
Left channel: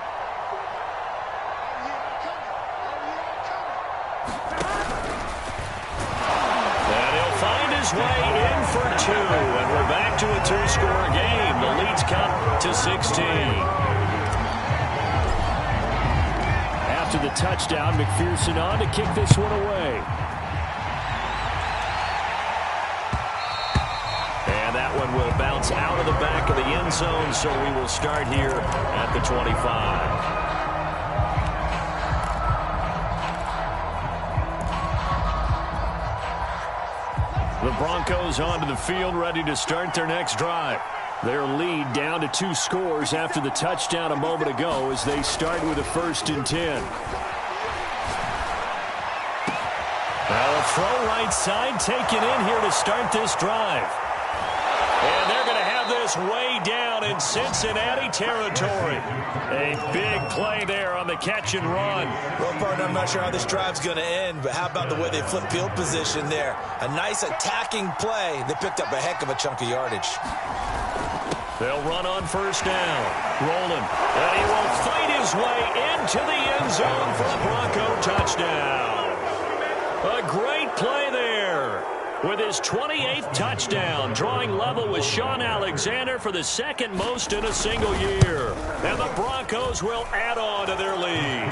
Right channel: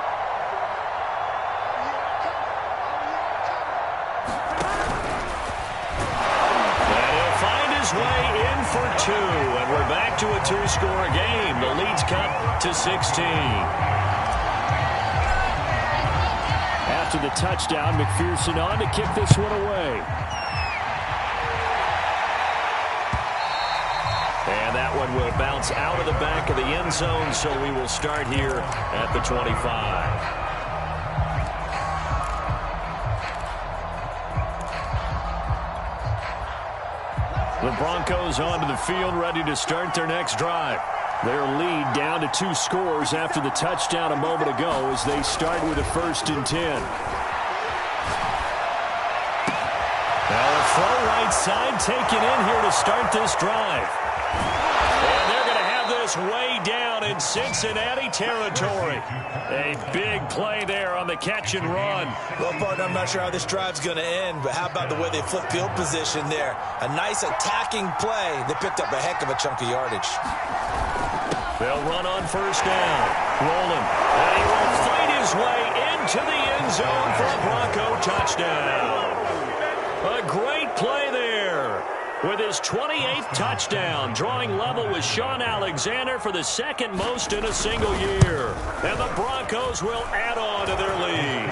Way in for 2, and we're back to a 2-score game. The lead's cut to 16. After the touchdown, McPherson on to kick this one away. And that one will bounce out of the back of the end zone, so we will start here at the 25. The Broncos onto the field, ready to start their next drive. Their lead down to 2 scores after the touchdown a moment ago as they start with a 1st and 10. Now a throw right side taken in here to start this drive. And they're going to have this way down in Cincinnati territory. A big play there on the catch and run. Well, partner, I'm not sure how this drive's going to end, but how about the way they flip field position there? A nice attacking play. They picked up a heck of a chunk of yardage. They'll run on 1st down. Rolling. And he will fight his way into the end zone for a Bronco touchdown. A great play there. With his 28th touchdown, drawing level with Sean Alexander for the 2nd most in a single year. And the Broncos will add on to their lead.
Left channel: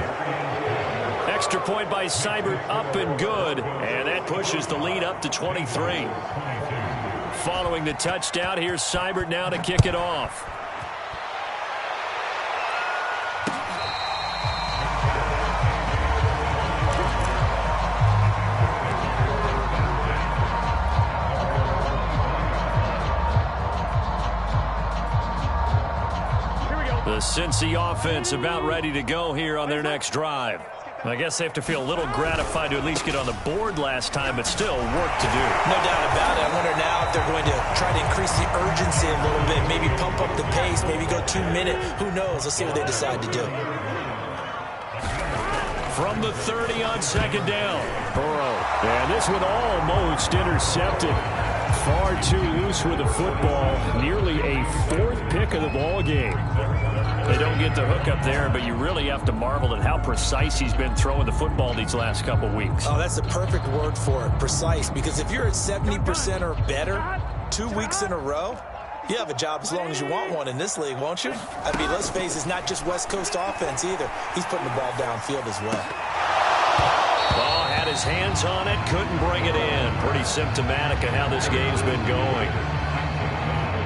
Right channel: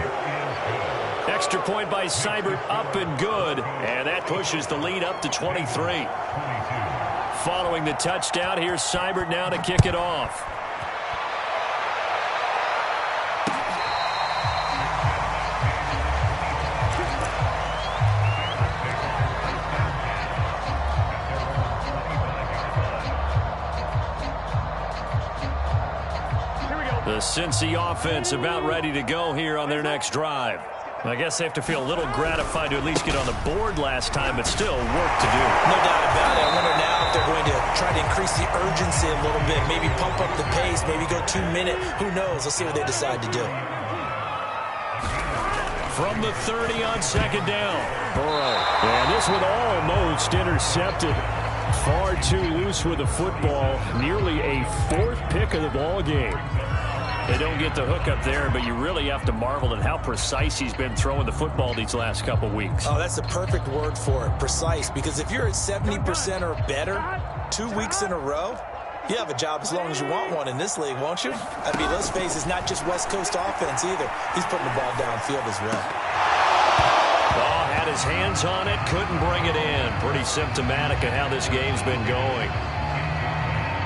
Extra point by Seibert, up and good. And that pushes the lead up to 23. Following the touchdown, here's Seibert now to kick it off. The Cincy offense about ready to go here on their next drive. I guess they have to feel a little gratified to at least get on the board last time, but still work to do. No doubt about it. I wonder now if they're going to try to increase the urgency a little bit, maybe pump up the pace, maybe go 2-minute. Who knows? Let's see what they decide to do. from the 30 on second down. Burrow. And this one almost intercepted. Far too loose with the football. Nearly a fourth pick of the ball game. They don't get the hook up there, but you really have to marvel at how precise he's been throwing the football these last couple weeks. Oh, that's the perfect word for it, precise, because if you're at 70% or better 2 weeks in a row, you have a job as long as you want one in this league, won't you? I mean, let's face it, it's not just West Coast offense either. He's putting the ball downfield as well. Oh, had his hands on it, couldn't bring it in. Pretty symptomatic of how this game's been going.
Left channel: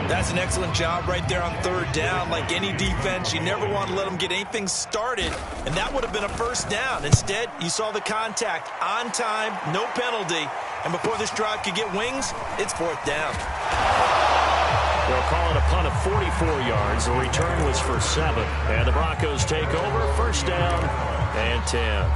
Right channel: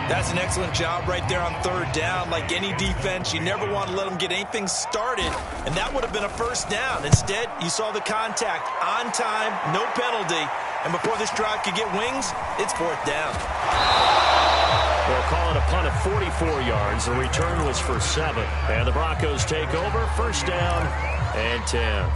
That's an excellent job right there on third down. Like any defense, you never want to let them get anything started, and that would have been a first down. Instead, you saw the contact on time, no penalty, and before this drive could get wings, it's fourth down. They'll call it a punt of 44 yards. The return was for 7, and the Broncos take over, first down and 10.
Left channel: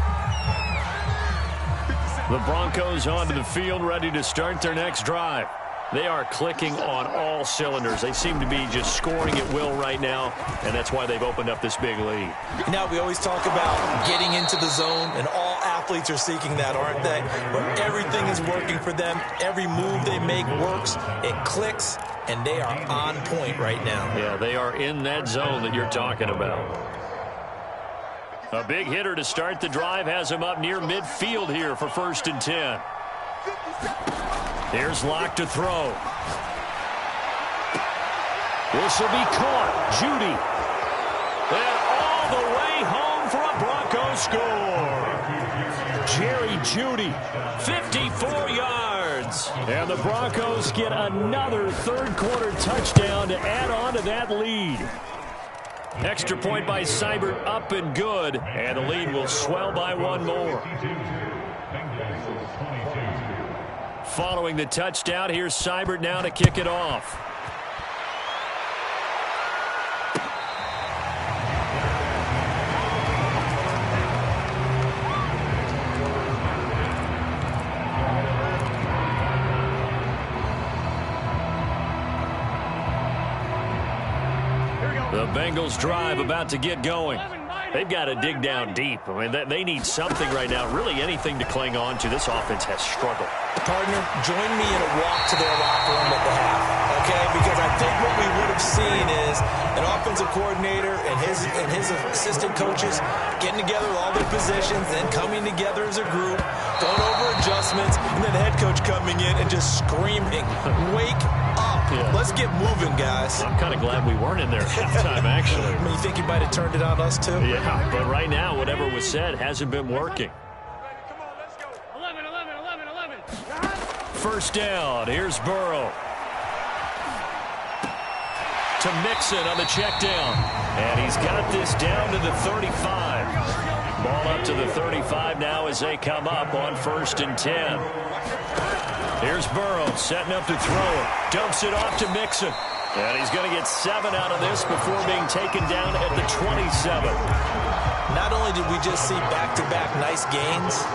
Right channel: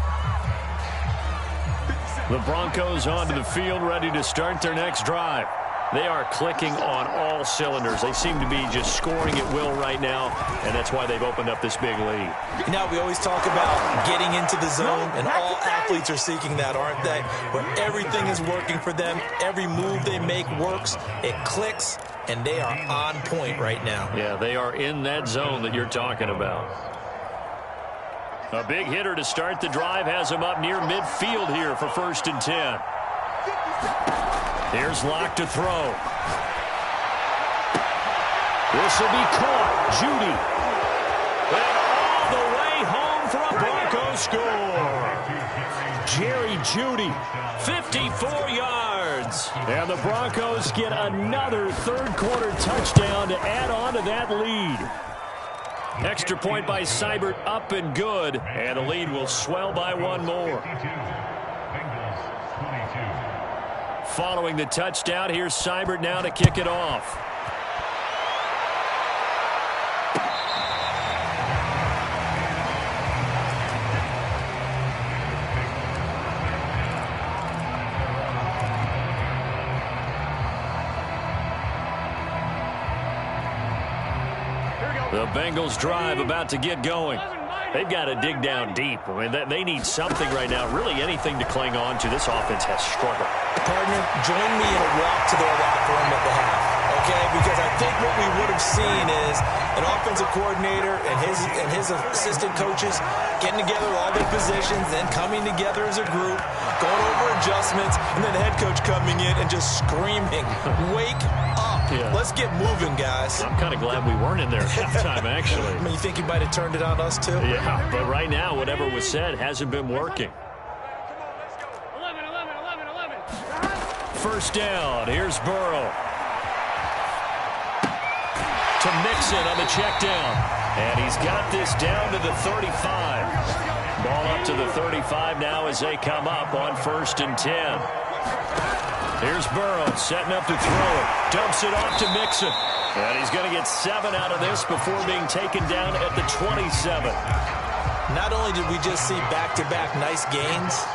The Broncos onto the field, ready to start their next drive. They are clicking on all cylinders. They seem to be just scoring at will right now, and that's why they've opened up this big lead. You know, we always talk about getting into the zone, and all athletes are seeking that, aren't they? Where everything is working for them. Every move they make works. It clicks, and they are on point right now. Yeah, they are in that zone that you're talking about. A big hitter to start the drive has him up near midfield here for first and 10. Here's Locke to throw. This will be caught. Judy. And all the way home for a Broncos score. Jerry Judy, 54 yards. And the Broncos get another third-quarter touchdown to add on to that lead. Extra point by Seibert, up and good. And the lead will swell by one more. Following the touchdown, here's Seibert now to kick it off. The Bengals drive about to get going. They've got to dig down deep. I mean, they need something right now, really anything to cling on to. This offense has struggled. Partner, join me in a walk to their locker room at the half, okay? Because I think what we would have seen is an offensive coordinator and his assistant coaches getting together all their positions, then coming together as a group, going over adjustments, and then the head coach coming in and just screaming, "Wake up. Yeah. Let's get moving, guys." I'm kind of glad we weren't in there at halftime, actually. I mean, you think you might have turned it on us, too? Yeah, but right now, whatever was said hasn't been working. First down. Here's Burrow. To Mixon on the check down. And he's got this down to the 35. Ball up to the 35 now as they come up on first and 10. Here's Burrow setting up to throw it. Dumps it off to Mixon. And he's going to get 7 out of this before being taken down at the 27. Not only did we just see back-to-back nice gains,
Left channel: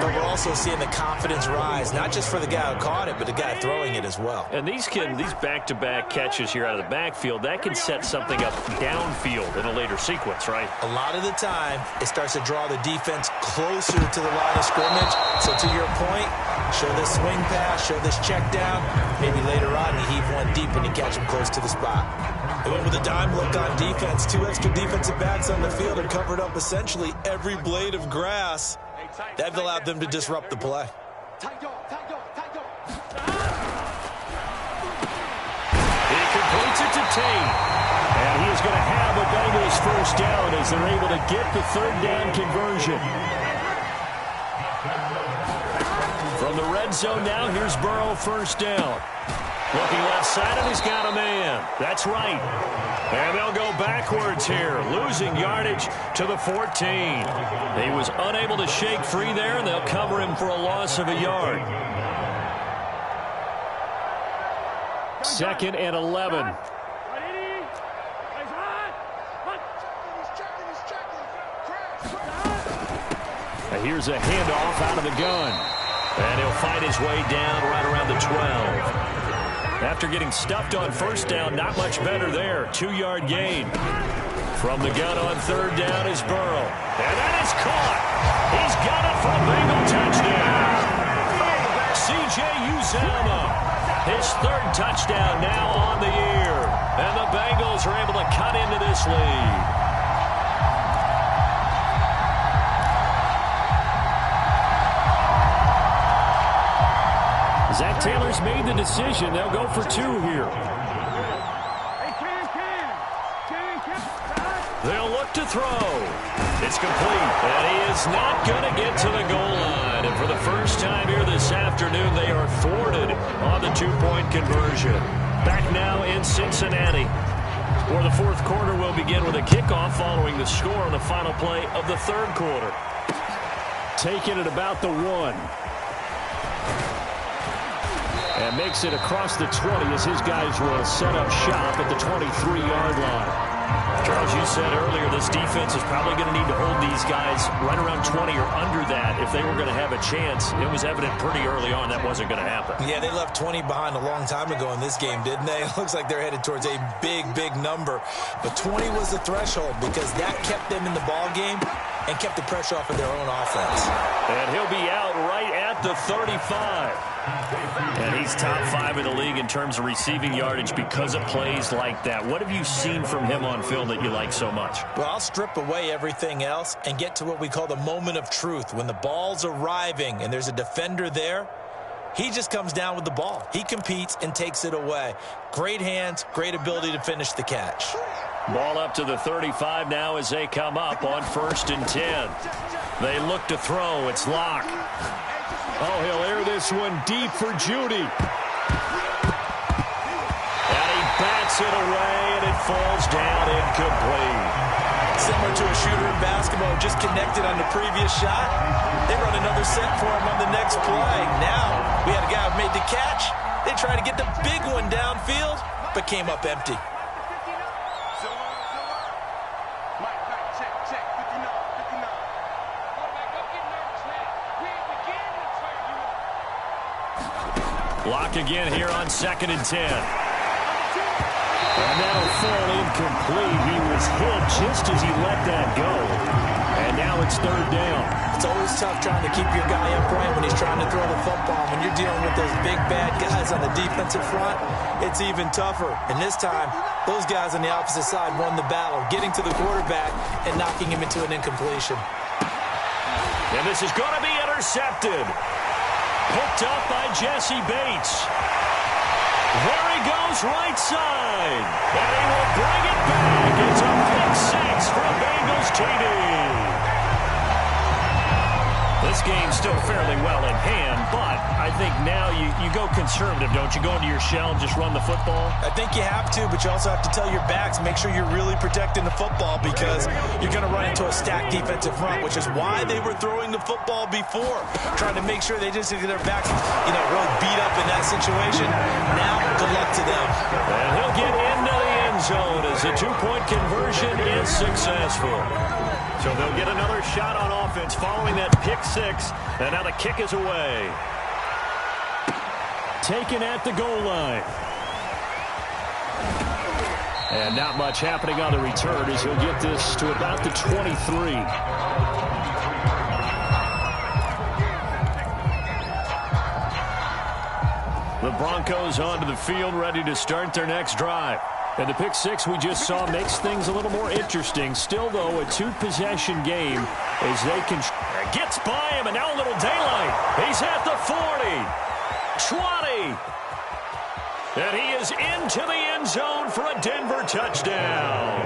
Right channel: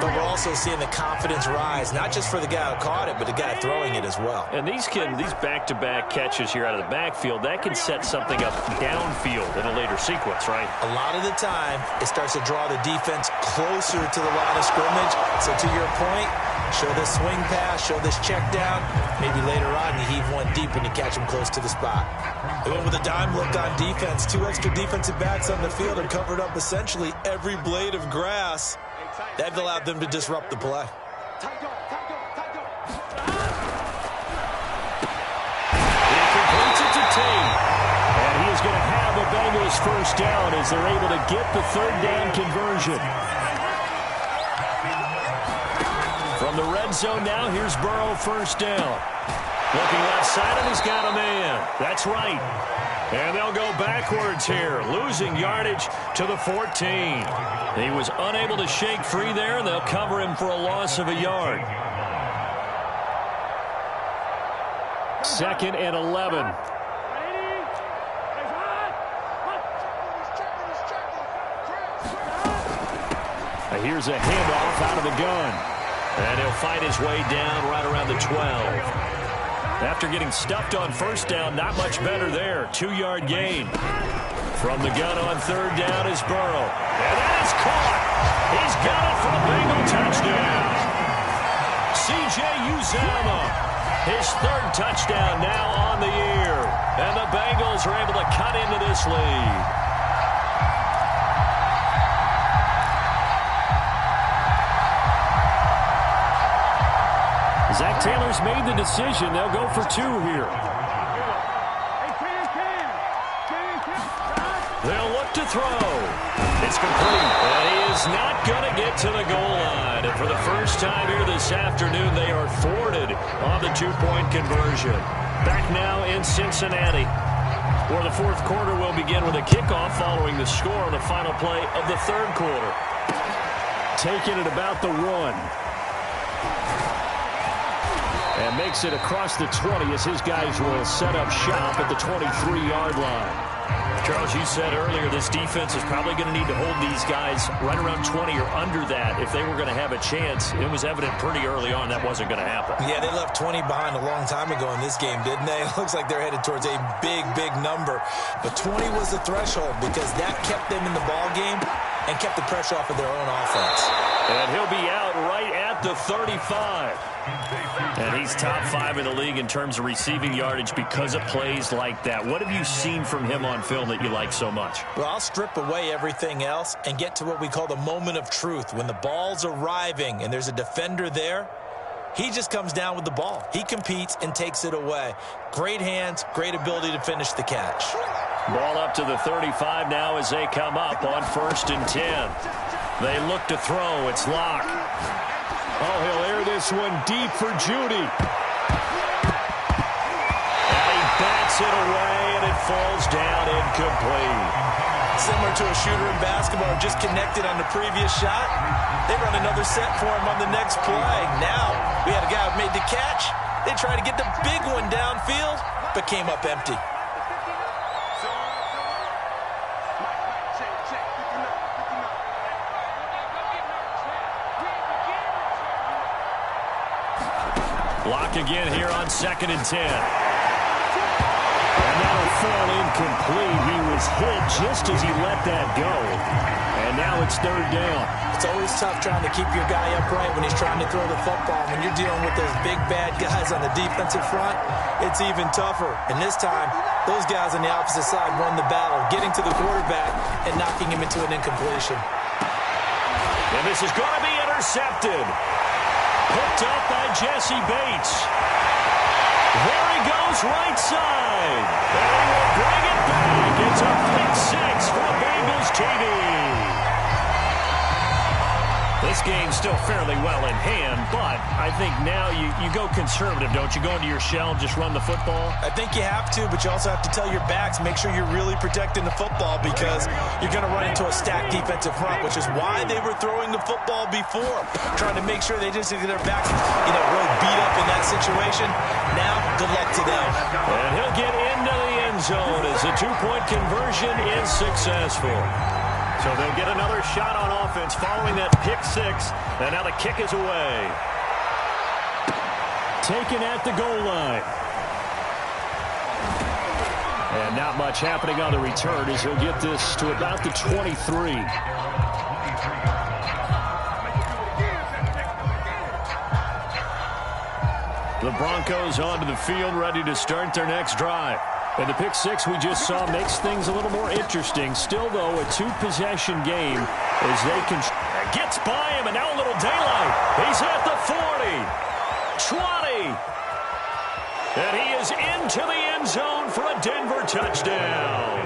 but we're also seeing the confidence rise, not just for the guy who caught it, but the guy throwing it as well. And these back-to-back catches here out of the backfield, that can set something up downfield in a later sequence, right? A lot of the time, it starts to draw the defense closer to the line of scrimmage. So to your point, show this swing pass, show this check down. Maybe later on you heave one deep when you catch them close to the spot. They went with a dime look on defense. 2 extra defensive backs on the field and covered up essentially every blade of grass. That allowed them to disrupt the play. He completes it to Tate. And he is going to have a Bengals first down as they're able to get the third down conversion. From the red zone now, here's Burrow first down. Looking left side, and he's got a man. That's right. And they'll go backwards here, losing yardage to the 14. He was unable to shake free there, and they'll cover him for a loss of a yard. 2nd and 11. Now here's a handoff out of the gun. And he'll fight his way down right around the 12. After getting stuffed on first down, not much better there. 2-yard gain. From the gun on third down is Burrow. And that is caught. He's got it for a Bengal touchdown. C.J. Uzomah, his third touchdown now on the year. And the Bengals are able to cut into this lead. Zach Taylor's made the decision. They'll go for 2 here. They'll look to throw. It's complete. And he is not going to get to the goal line. And for the first time here this afternoon, they are thwarted on the 2-point conversion. Back now in Cincinnati, where the fourth quarter will begin with a kickoff following the score on the final play of the third quarter. Taking it about the 1. And makes it across the 20 as his guys will set up shop at the 23-yard line. Charles, you said earlier this defense is probably going to need to hold these guys right around 20 or under that if they were going to have a chance. It was evident pretty early on that wasn't going to happen. Yeah, they left 20 behind a long time ago in this game, didn't they? It looks like they're headed towards a big, big number. But 20 was the threshold because that kept them in the ball game and kept the pressure off of their own offense. And he'll be out right at the 35. And he's top 5 in the league in terms of receiving yardage because of plays like that. What have you seen from him on film that you like so much? Well, I'll strip away everything else and get to what we call the moment of truth. When the ball's arriving and there's a defender there, he just comes down with the ball. He competes and takes it away. Great hands, great ability to finish the catch. Ball up to the 35 now as they come up on 1st and 10. They look to throw. It's Locke. Oh, he'll air this one deep for Judy. And he bats it away, and it falls down incomplete. Similar to a shooter in basketball, just connected on the previous shot. They run another set for him on the next play. Now, we had a guy who made the catch. They tried to get the big one downfield, but came up empty. Block again here on 2nd and 10. And that'll fall incomplete. He was hit just as he let that go. And now it's 3rd down. It's always tough trying to keep your guy upright when he's trying to throw the football. When you're dealing with those big, bad guys on the defensive front, it's even tougher. And this time, those guys on the opposite side won the battle, getting to the quarterback and knocking him into an incompletion. And this is going to be intercepted. Picked up by Jesse Bates. There he goes right side. And he will bring it back. It's a pick 6 for a Bengals TD. This game's still fairly well in hand, but I think now you go conservative, don't you? Go into your shell and just run the football? I think you have to, but you also have to tell your backs, make sure you're really protecting the football because you're going to run into a stacked defensive front, which is why they were throwing the football before, trying to make sure they just get their backs, really beat up in that situation. Now, good luck to them. And he'll get into the end zone as the 2-point conversion is successful. So they'll get another shot on offense following that pick 6. And now the kick is away. Taken at the goal line. And not much happening on the return as he'll get this to about the 23. The Broncos onto the field, ready to start their next drive. And the pick 6 we just saw makes things a little more interesting. Still, though, a 2-possession game as they can... Gets by him, and now a little daylight. He's at the 40. 20. And he is into the end zone for a Denver touchdown.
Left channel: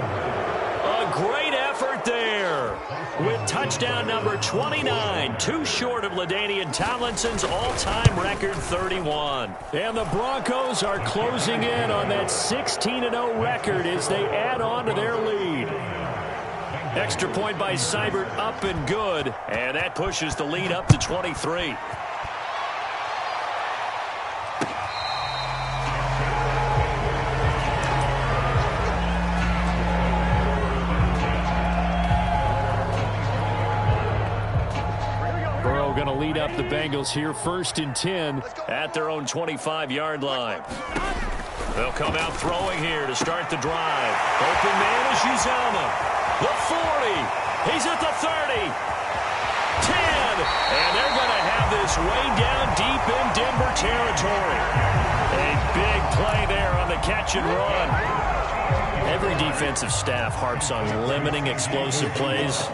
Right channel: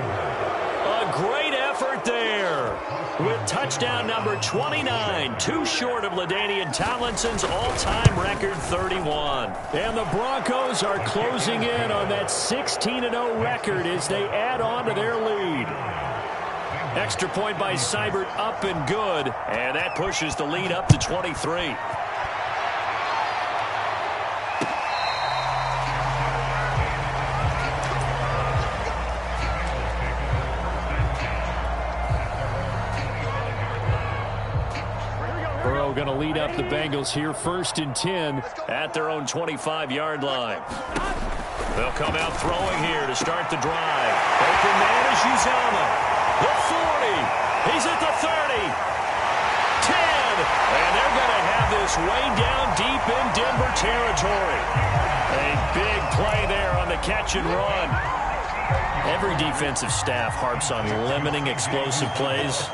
A great effort there with touchdown number 29, too short of LaDainian Tomlinson's all-time record 31. And the Broncos are closing in on that 16-0 record as they add on to their lead. Extra point by Seibert up and good, and that pushes the lead up to 23. Going to lead up the Bengals here, 1st and 10 at their own 25-yard line. They'll come out throwing here to start the drive. Open man is Uzama. The 40. He's at the 30. 10. And they're going to have this way down deep in Denver territory. A big play there on the catch and run. Every defensive staff harps on limiting explosive plays.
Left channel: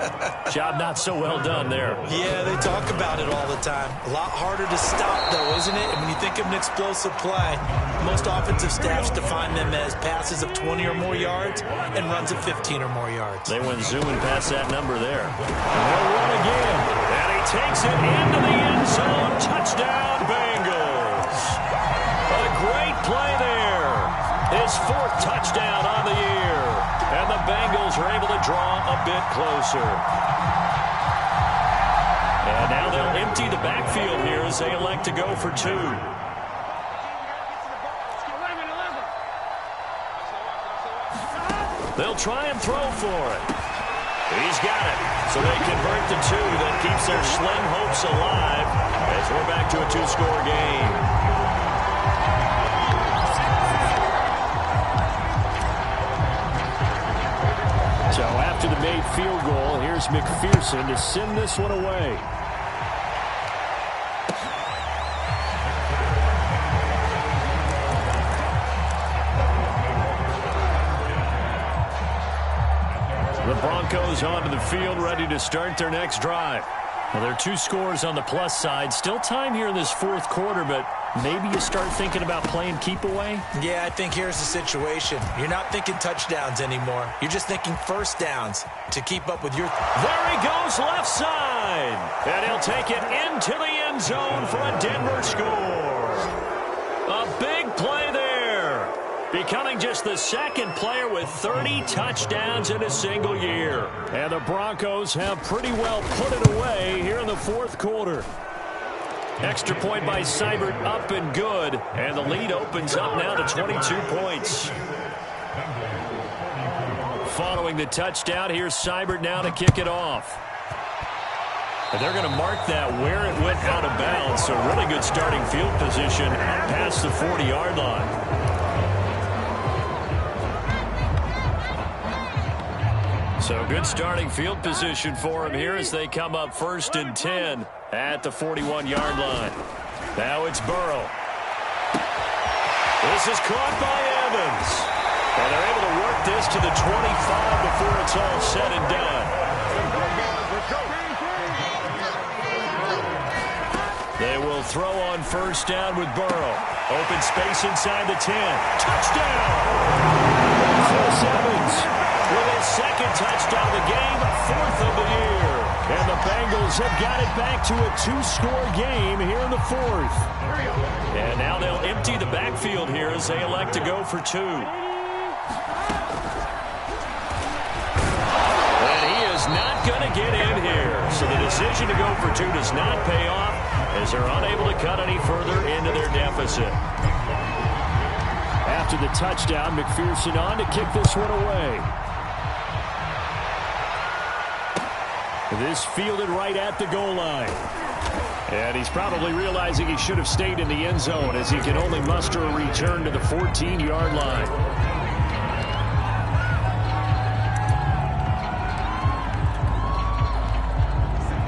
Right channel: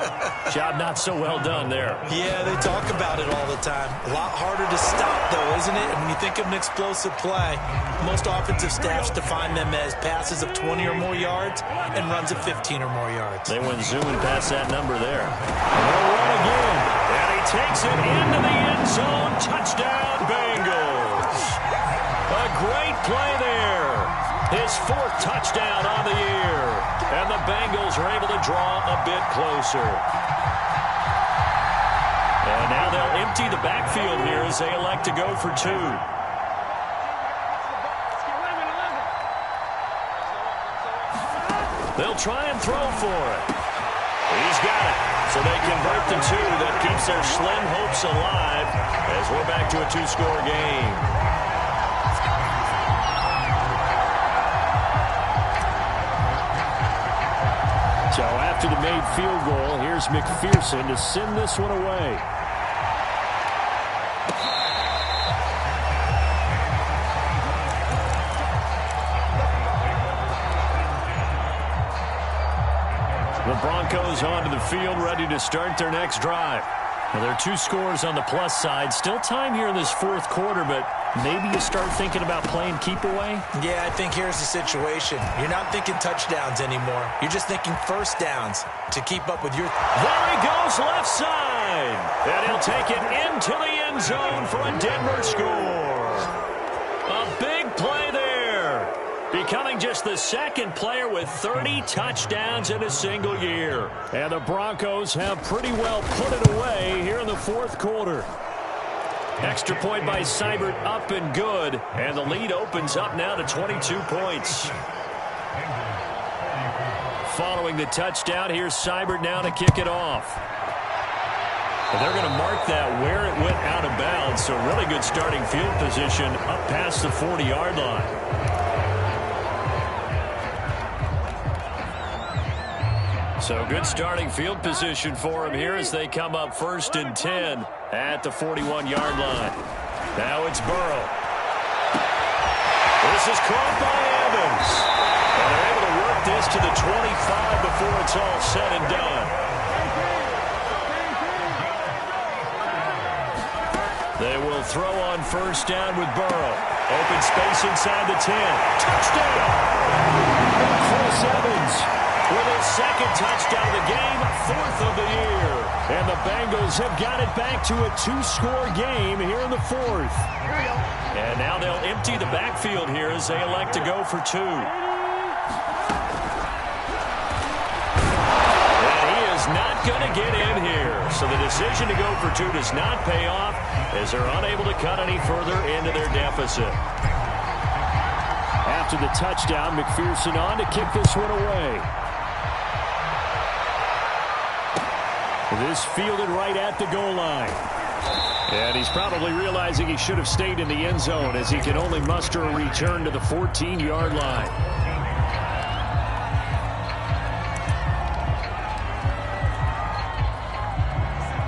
Job not so well done there. Yeah, they talk about it all the time. A lot harder to stop, though, isn't it? And when you think of an explosive play, most offensive staffs define them as passes of 20 or more yards and runs of 15 or more yards. They went zooming past that number there. And they'll run again. And he takes it into the end zone. Touchdown, Bengals. A great play there. His 4th touchdown on the year. And the Bengals are able to draw a bit closer. And now they'll empty the backfield here as they elect to go for 2. They'll try and throw for it. He's got it. So they convert to 2. That keeps their slim hopes alive as we're back to a 2-score game. So after the made field goal, here's McPherson to send this one away. The Broncos onto the field, ready to start their next drive. Now, there are 2 scores on the plus side. Still time here in this 4th quarter, but maybe you start thinking about playing keep away? Yeah, I think here's the situation. You're not thinking touchdowns anymore. You're just thinking first downs to keep up with your... There he goes left side. And he'll take it into the end zone for a Denver score. A big play there. Becoming just the 2nd player with 30 touchdowns in a single year. And the Broncos have pretty well put it away here in the 4th quarter. Extra point by Seibert, up and good. And the lead opens up now to 22 points. Following the touchdown, here's Seibert now to kick it off. And they're going to mark that where it went out of bounds. So really good starting field position up past the 40-yard line. So good starting field position for him here as they come up 1st and 10 at the 41-yard line. Now it's Burrow. This is caught by Evans. And they're able to work this to the 25 before it's all said and done. They will throw on 1st down with Burrow. Open space inside the 10. Touchdown! Chris Evans with his 2nd touchdown of the game, 4th of the year. And the Bengals have got it back to a 2-score game here in the 4th. And now they'll empty the backfield here as they elect to go for 2. And he is not going to get in here. So the decision to go for 2 does not pay off as they're unable to cut any further into their deficit. After the touchdown, McPherson on to kick this one away. This fielded right at the goal line. And he's probably realizing he should have stayed in the end zone as he can only muster a return to the 14-yard line.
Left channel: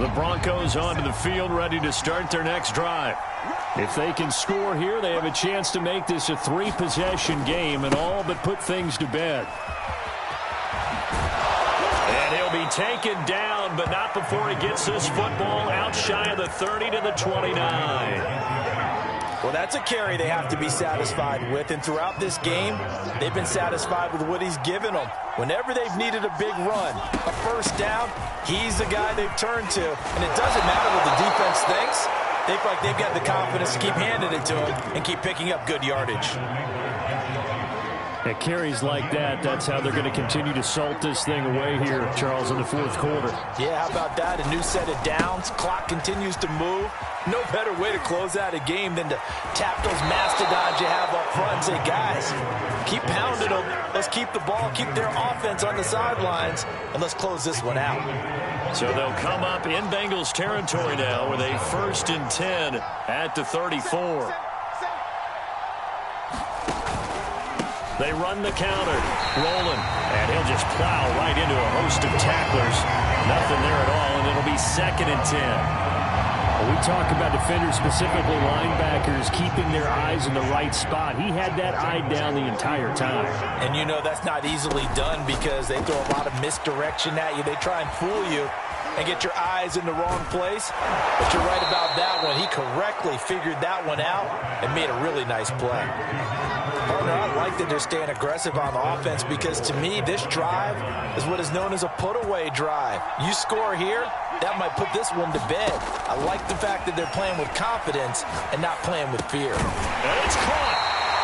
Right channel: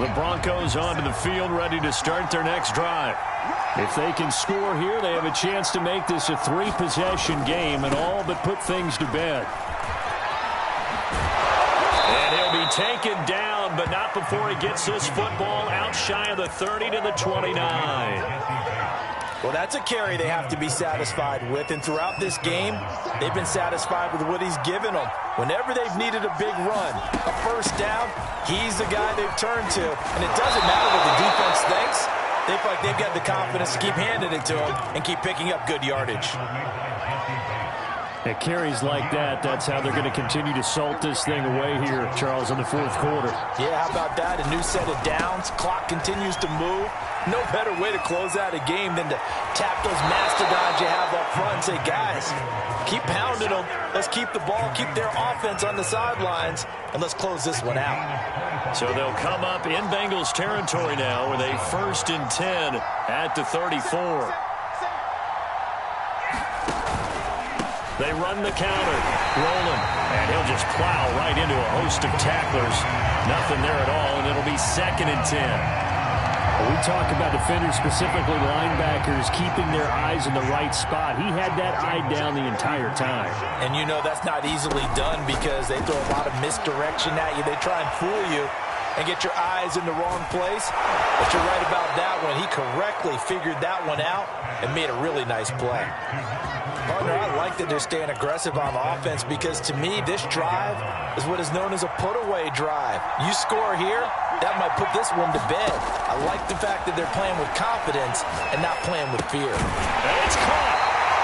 The Broncos onto the field, ready to start their next drive. If they can score here, they have a chance to make this a 3-possession game and all but put things to bed. And he'll be taken down, but not before he gets this football out shy of the 30 to the 29. Well, that's a carry they have to be satisfied with, and throughout this game, they've been satisfied with what he's given them. Whenever they've needed a big run, a 1st down, he's the guy they've turned to. And it doesn't matter what the defense thinks. They feel like they've got the confidence to keep handing it to him and keep picking up good yardage. At carries like that, that's how they're going to continue to salt this thing away here, Charles, in the 4th quarter. Yeah, how about that? A new set of downs. Clock continues to move. No better way to close out a game than to tap those mastodons you have up front and say, guys, keep pounding them. Let's keep the ball, keep their offense on the sidelines, and let's close this one out. So they'll come up in Bengals territory now with a 1st and 10 at the 34. They run the counter. Rolling. And he'll just plow right into a host of tacklers. Nothing there at all, and it'll be 2nd and 10. We talk about defenders, specifically linebackers, keeping their eyes in the right spot. He had that eye down the entire time. And you know that's not easily done because they throw a lot of misdirection at you. They try and fool you and get your eyes in the wrong place. But you're right about that one. He correctly figured that one out and made a really nice play. Partner, I like that they're staying aggressive on offense because to me, this drive is what is known as a put-away drive. You score here, that might put this one to bed. I like the fact that they're playing with confidence and not playing with fear. And it's caught.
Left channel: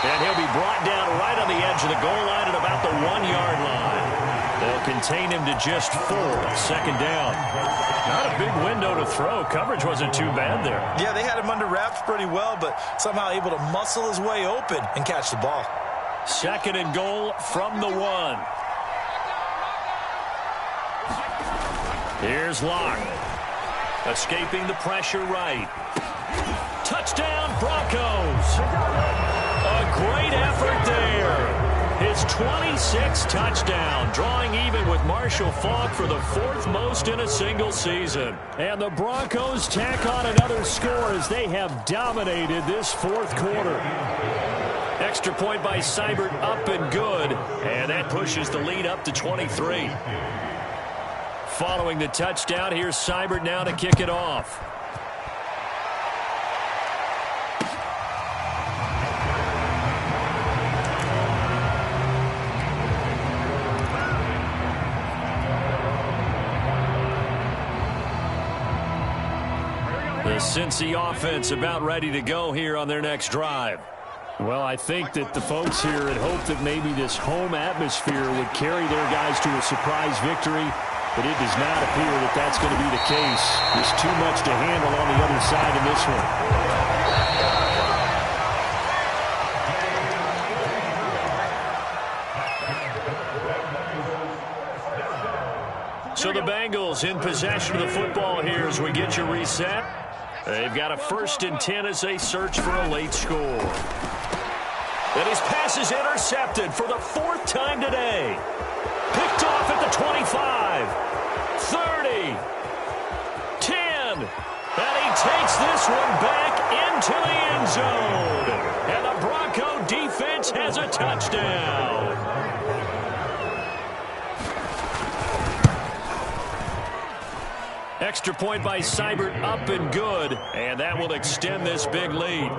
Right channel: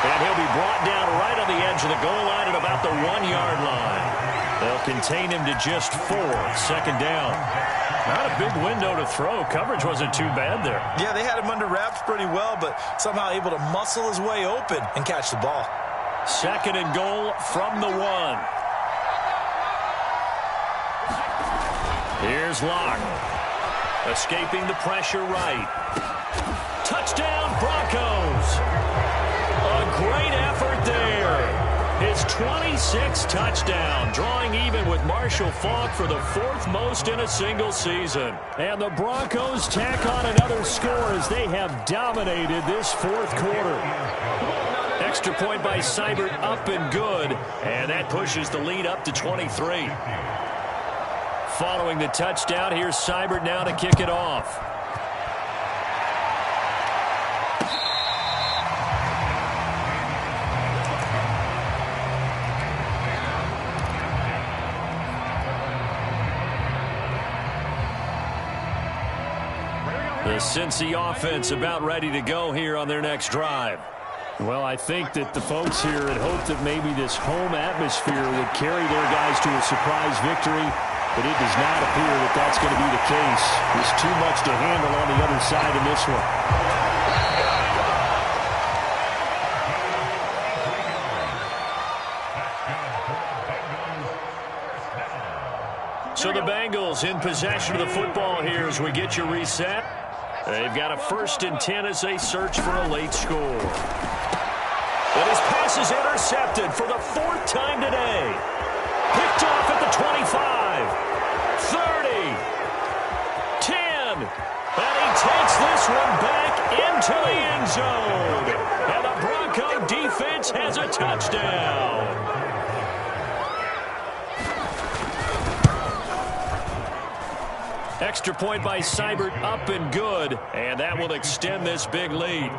And he'll be brought down right on the edge of the goal line at about the 1-yard line. They'll contain him to just 4. 2nd down. Not a big window to throw. Coverage wasn't too bad there. Yeah, they had him under wraps pretty well, but somehow able to muscle his way open and catch the ball. 2nd and goal from the 1. Here's Locke. Escaping the pressure right. Touchdown, Broncos. A great effort there. His 26th touchdown, drawing even with Marshall Faulk for the 4th most in a single season. And the Broncos tack on another score as they have dominated this 4th quarter. Extra point by Seibert, up and good, and that pushes the lead up to 23. Following the touchdown, here's Seibert now to kick it off. The Cincy offense about ready to go here on their next drive. Well, I think that the folks here had hoped that maybe this home atmosphere would carry their guys to a surprise victory, but it does not appear that that's going to be the case. There's too much to handle on the other side in this one. So the Bengals in possession of the football here as we get you reset. They've got a 1st and 10 as they search for a late score. And his pass is intercepted for the 4th time today. Picked off at the 25, 30, 10. And he takes this one back into the end zone. And the Bronco defense has a touchdown. Extra point by Seibert, up and good, and that will extend this big lead.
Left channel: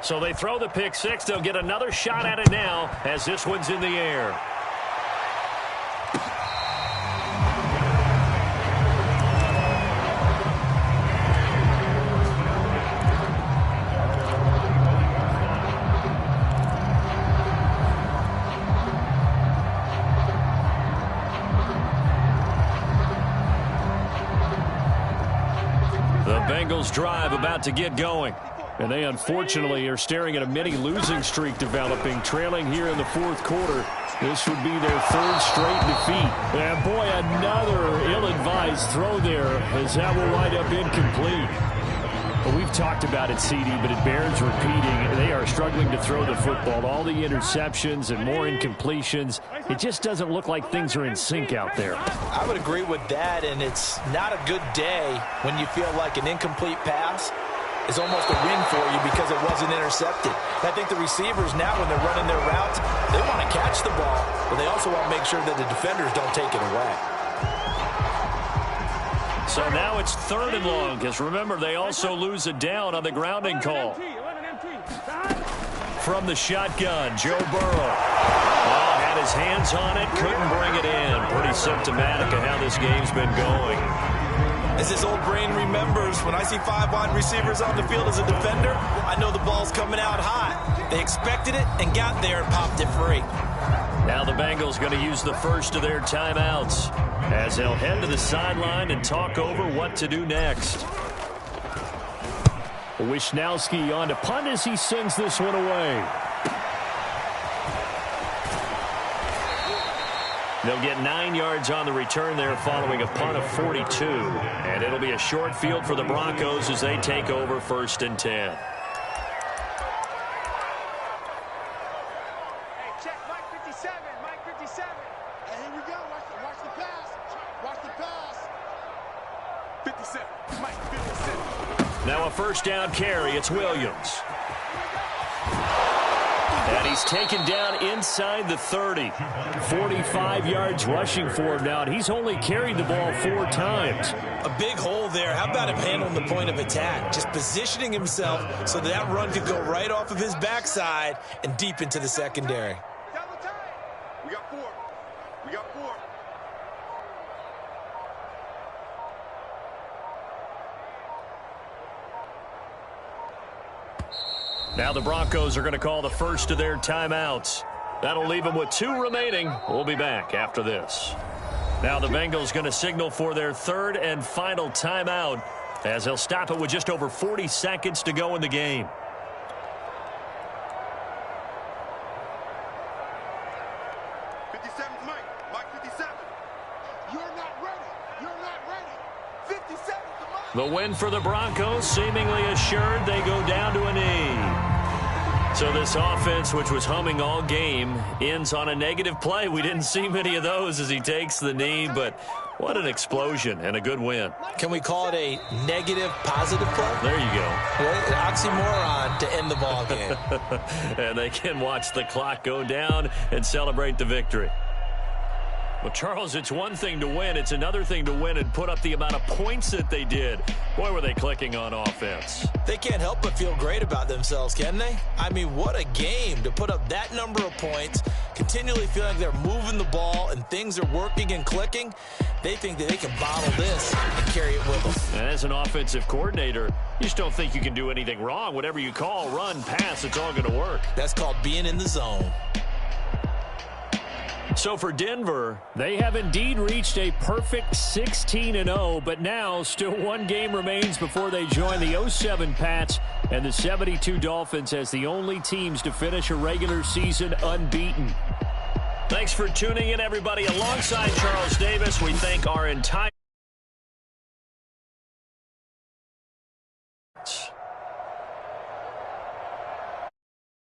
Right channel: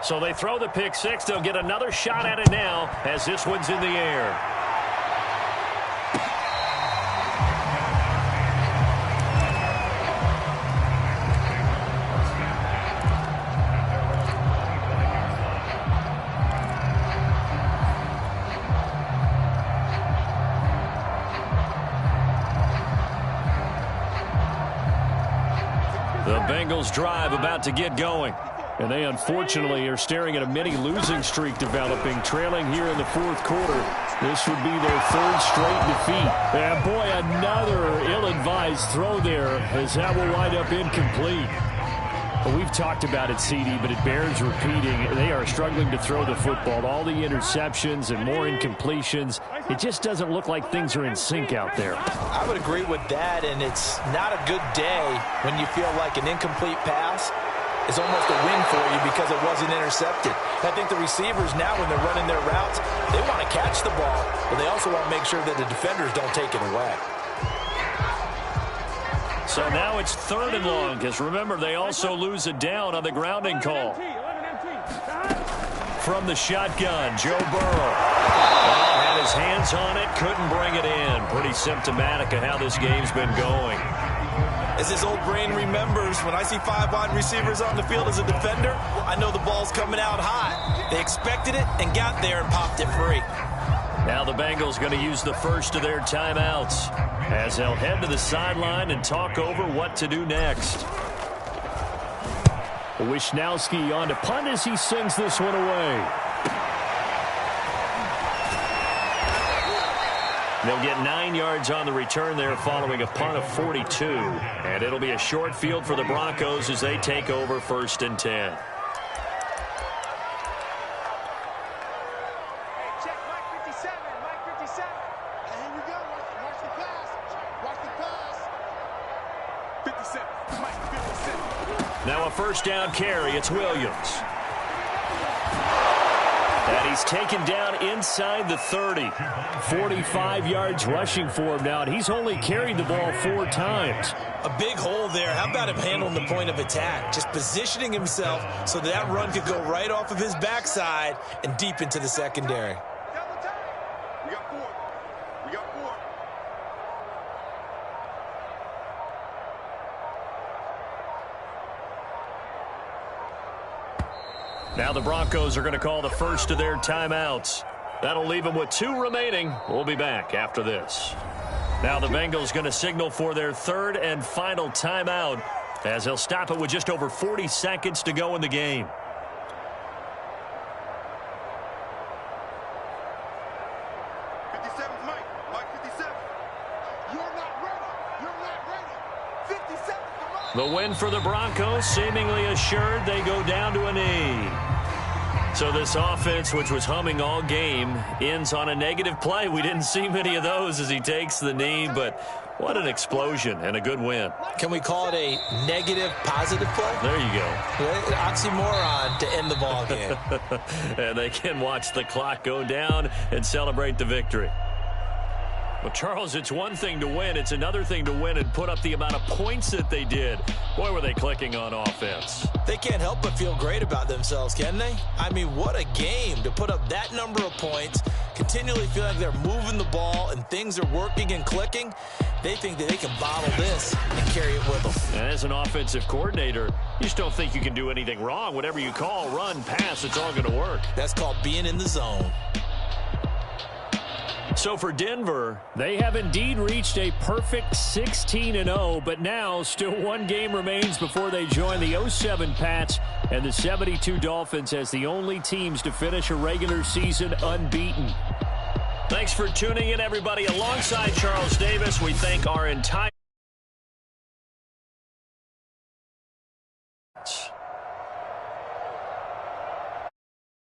So they throw the pick 6. They'll get another shot at it now as this one's in the air. The Bengals drive about to get going. And they unfortunately are staring at a mini losing streak developing, trailing here in the 4th quarter. This would be their 3rd straight defeat. And boy, another ill-advised throw there as that will wind up incomplete. Well, we've talked about it, CD, but it bears repeating. They are struggling to throw the football. All the interceptions and more incompletions. It just doesn't look like things are in sync out there. I would agree with that, and it's not a good day when you feel like an incomplete pass is almost a win for you because it wasn't intercepted. And I think the receivers now, when they're running their routes, they want to catch the ball, but they also want to make sure that the defenders don't take it away. So now it's 3rd and long, because remember, they also lose a down on the grounding call. From the shotgun, Joe Burrow. Oh, had his hands on it, couldn't bring it in. Pretty symptomatic of how this game's been going. As his old brain remembers, when I see 5 wide receivers on the field as a defender, I know the ball's coming out hot. They expected it and got there and popped it free. Now the Bengals going to use the first of their timeouts as they'll head to the sideline and talk over what to do next. Wishnowski on to punt as he sends this one away. They'll get 9 yards on the return there following a punt of 42. And it'll be a short field for the Broncos as they take over 1st and 10. Hey, check Mike 57. Mike 57. Hey, here we go. Watch the pass. Watch the pass. 57. Mike 57. Now a 1st down carry. It's Williams. And he's taken down inside the 30. 45 yards rushing for him now, and he's only carried the ball 4 times. A big hole there. How about him handling the point of attack? Just positioning himself so that run could go right off of his backside and deep into the secondary. Double time. We got 4. We got 4. Now the Broncos are going to call the first of their timeouts. That'll leave them with 2 remaining. We'll be back after this. Now the Bengals going to signal for their 3rd and final timeout as they'll stop it with just over 40 seconds to go in the game. Mike 57. You're not ready. You're not ready. 57 to Mike. The win for the Broncos seemingly assured. They go down to a knee. So this offense, which was humming all game, ends on a negative play. We didn't see many of those as he takes the knee, but what an explosion and a good win. Can we call it a negative positive play? There you go. Oxymoron to end the ball game. And they can watch the clock go down and celebrate the victory. Well, Charles, it's one thing to win. It's another thing to win and put up the amount of points that they did. Boy, were they clicking on offense. They can't help but feel great about themselves, can they? I mean, what a game to put up that number of points, continually feel like they're moving the ball and things are working and clicking. They think that they can bottle this and carry it with them. And as an offensive coordinator, you just don't think you can do anything wrong. Whatever you call, run, pass, it's all going to work. That's called being in the zone. So for Denver, they have indeed reached a perfect 16-0, but now still 1 game remains before they join the 07 Pats and the 72 Dolphins as the only teams to finish a regular season unbeaten. Thanks for tuning in, everybody. Alongside Charles Davis, we thank our entire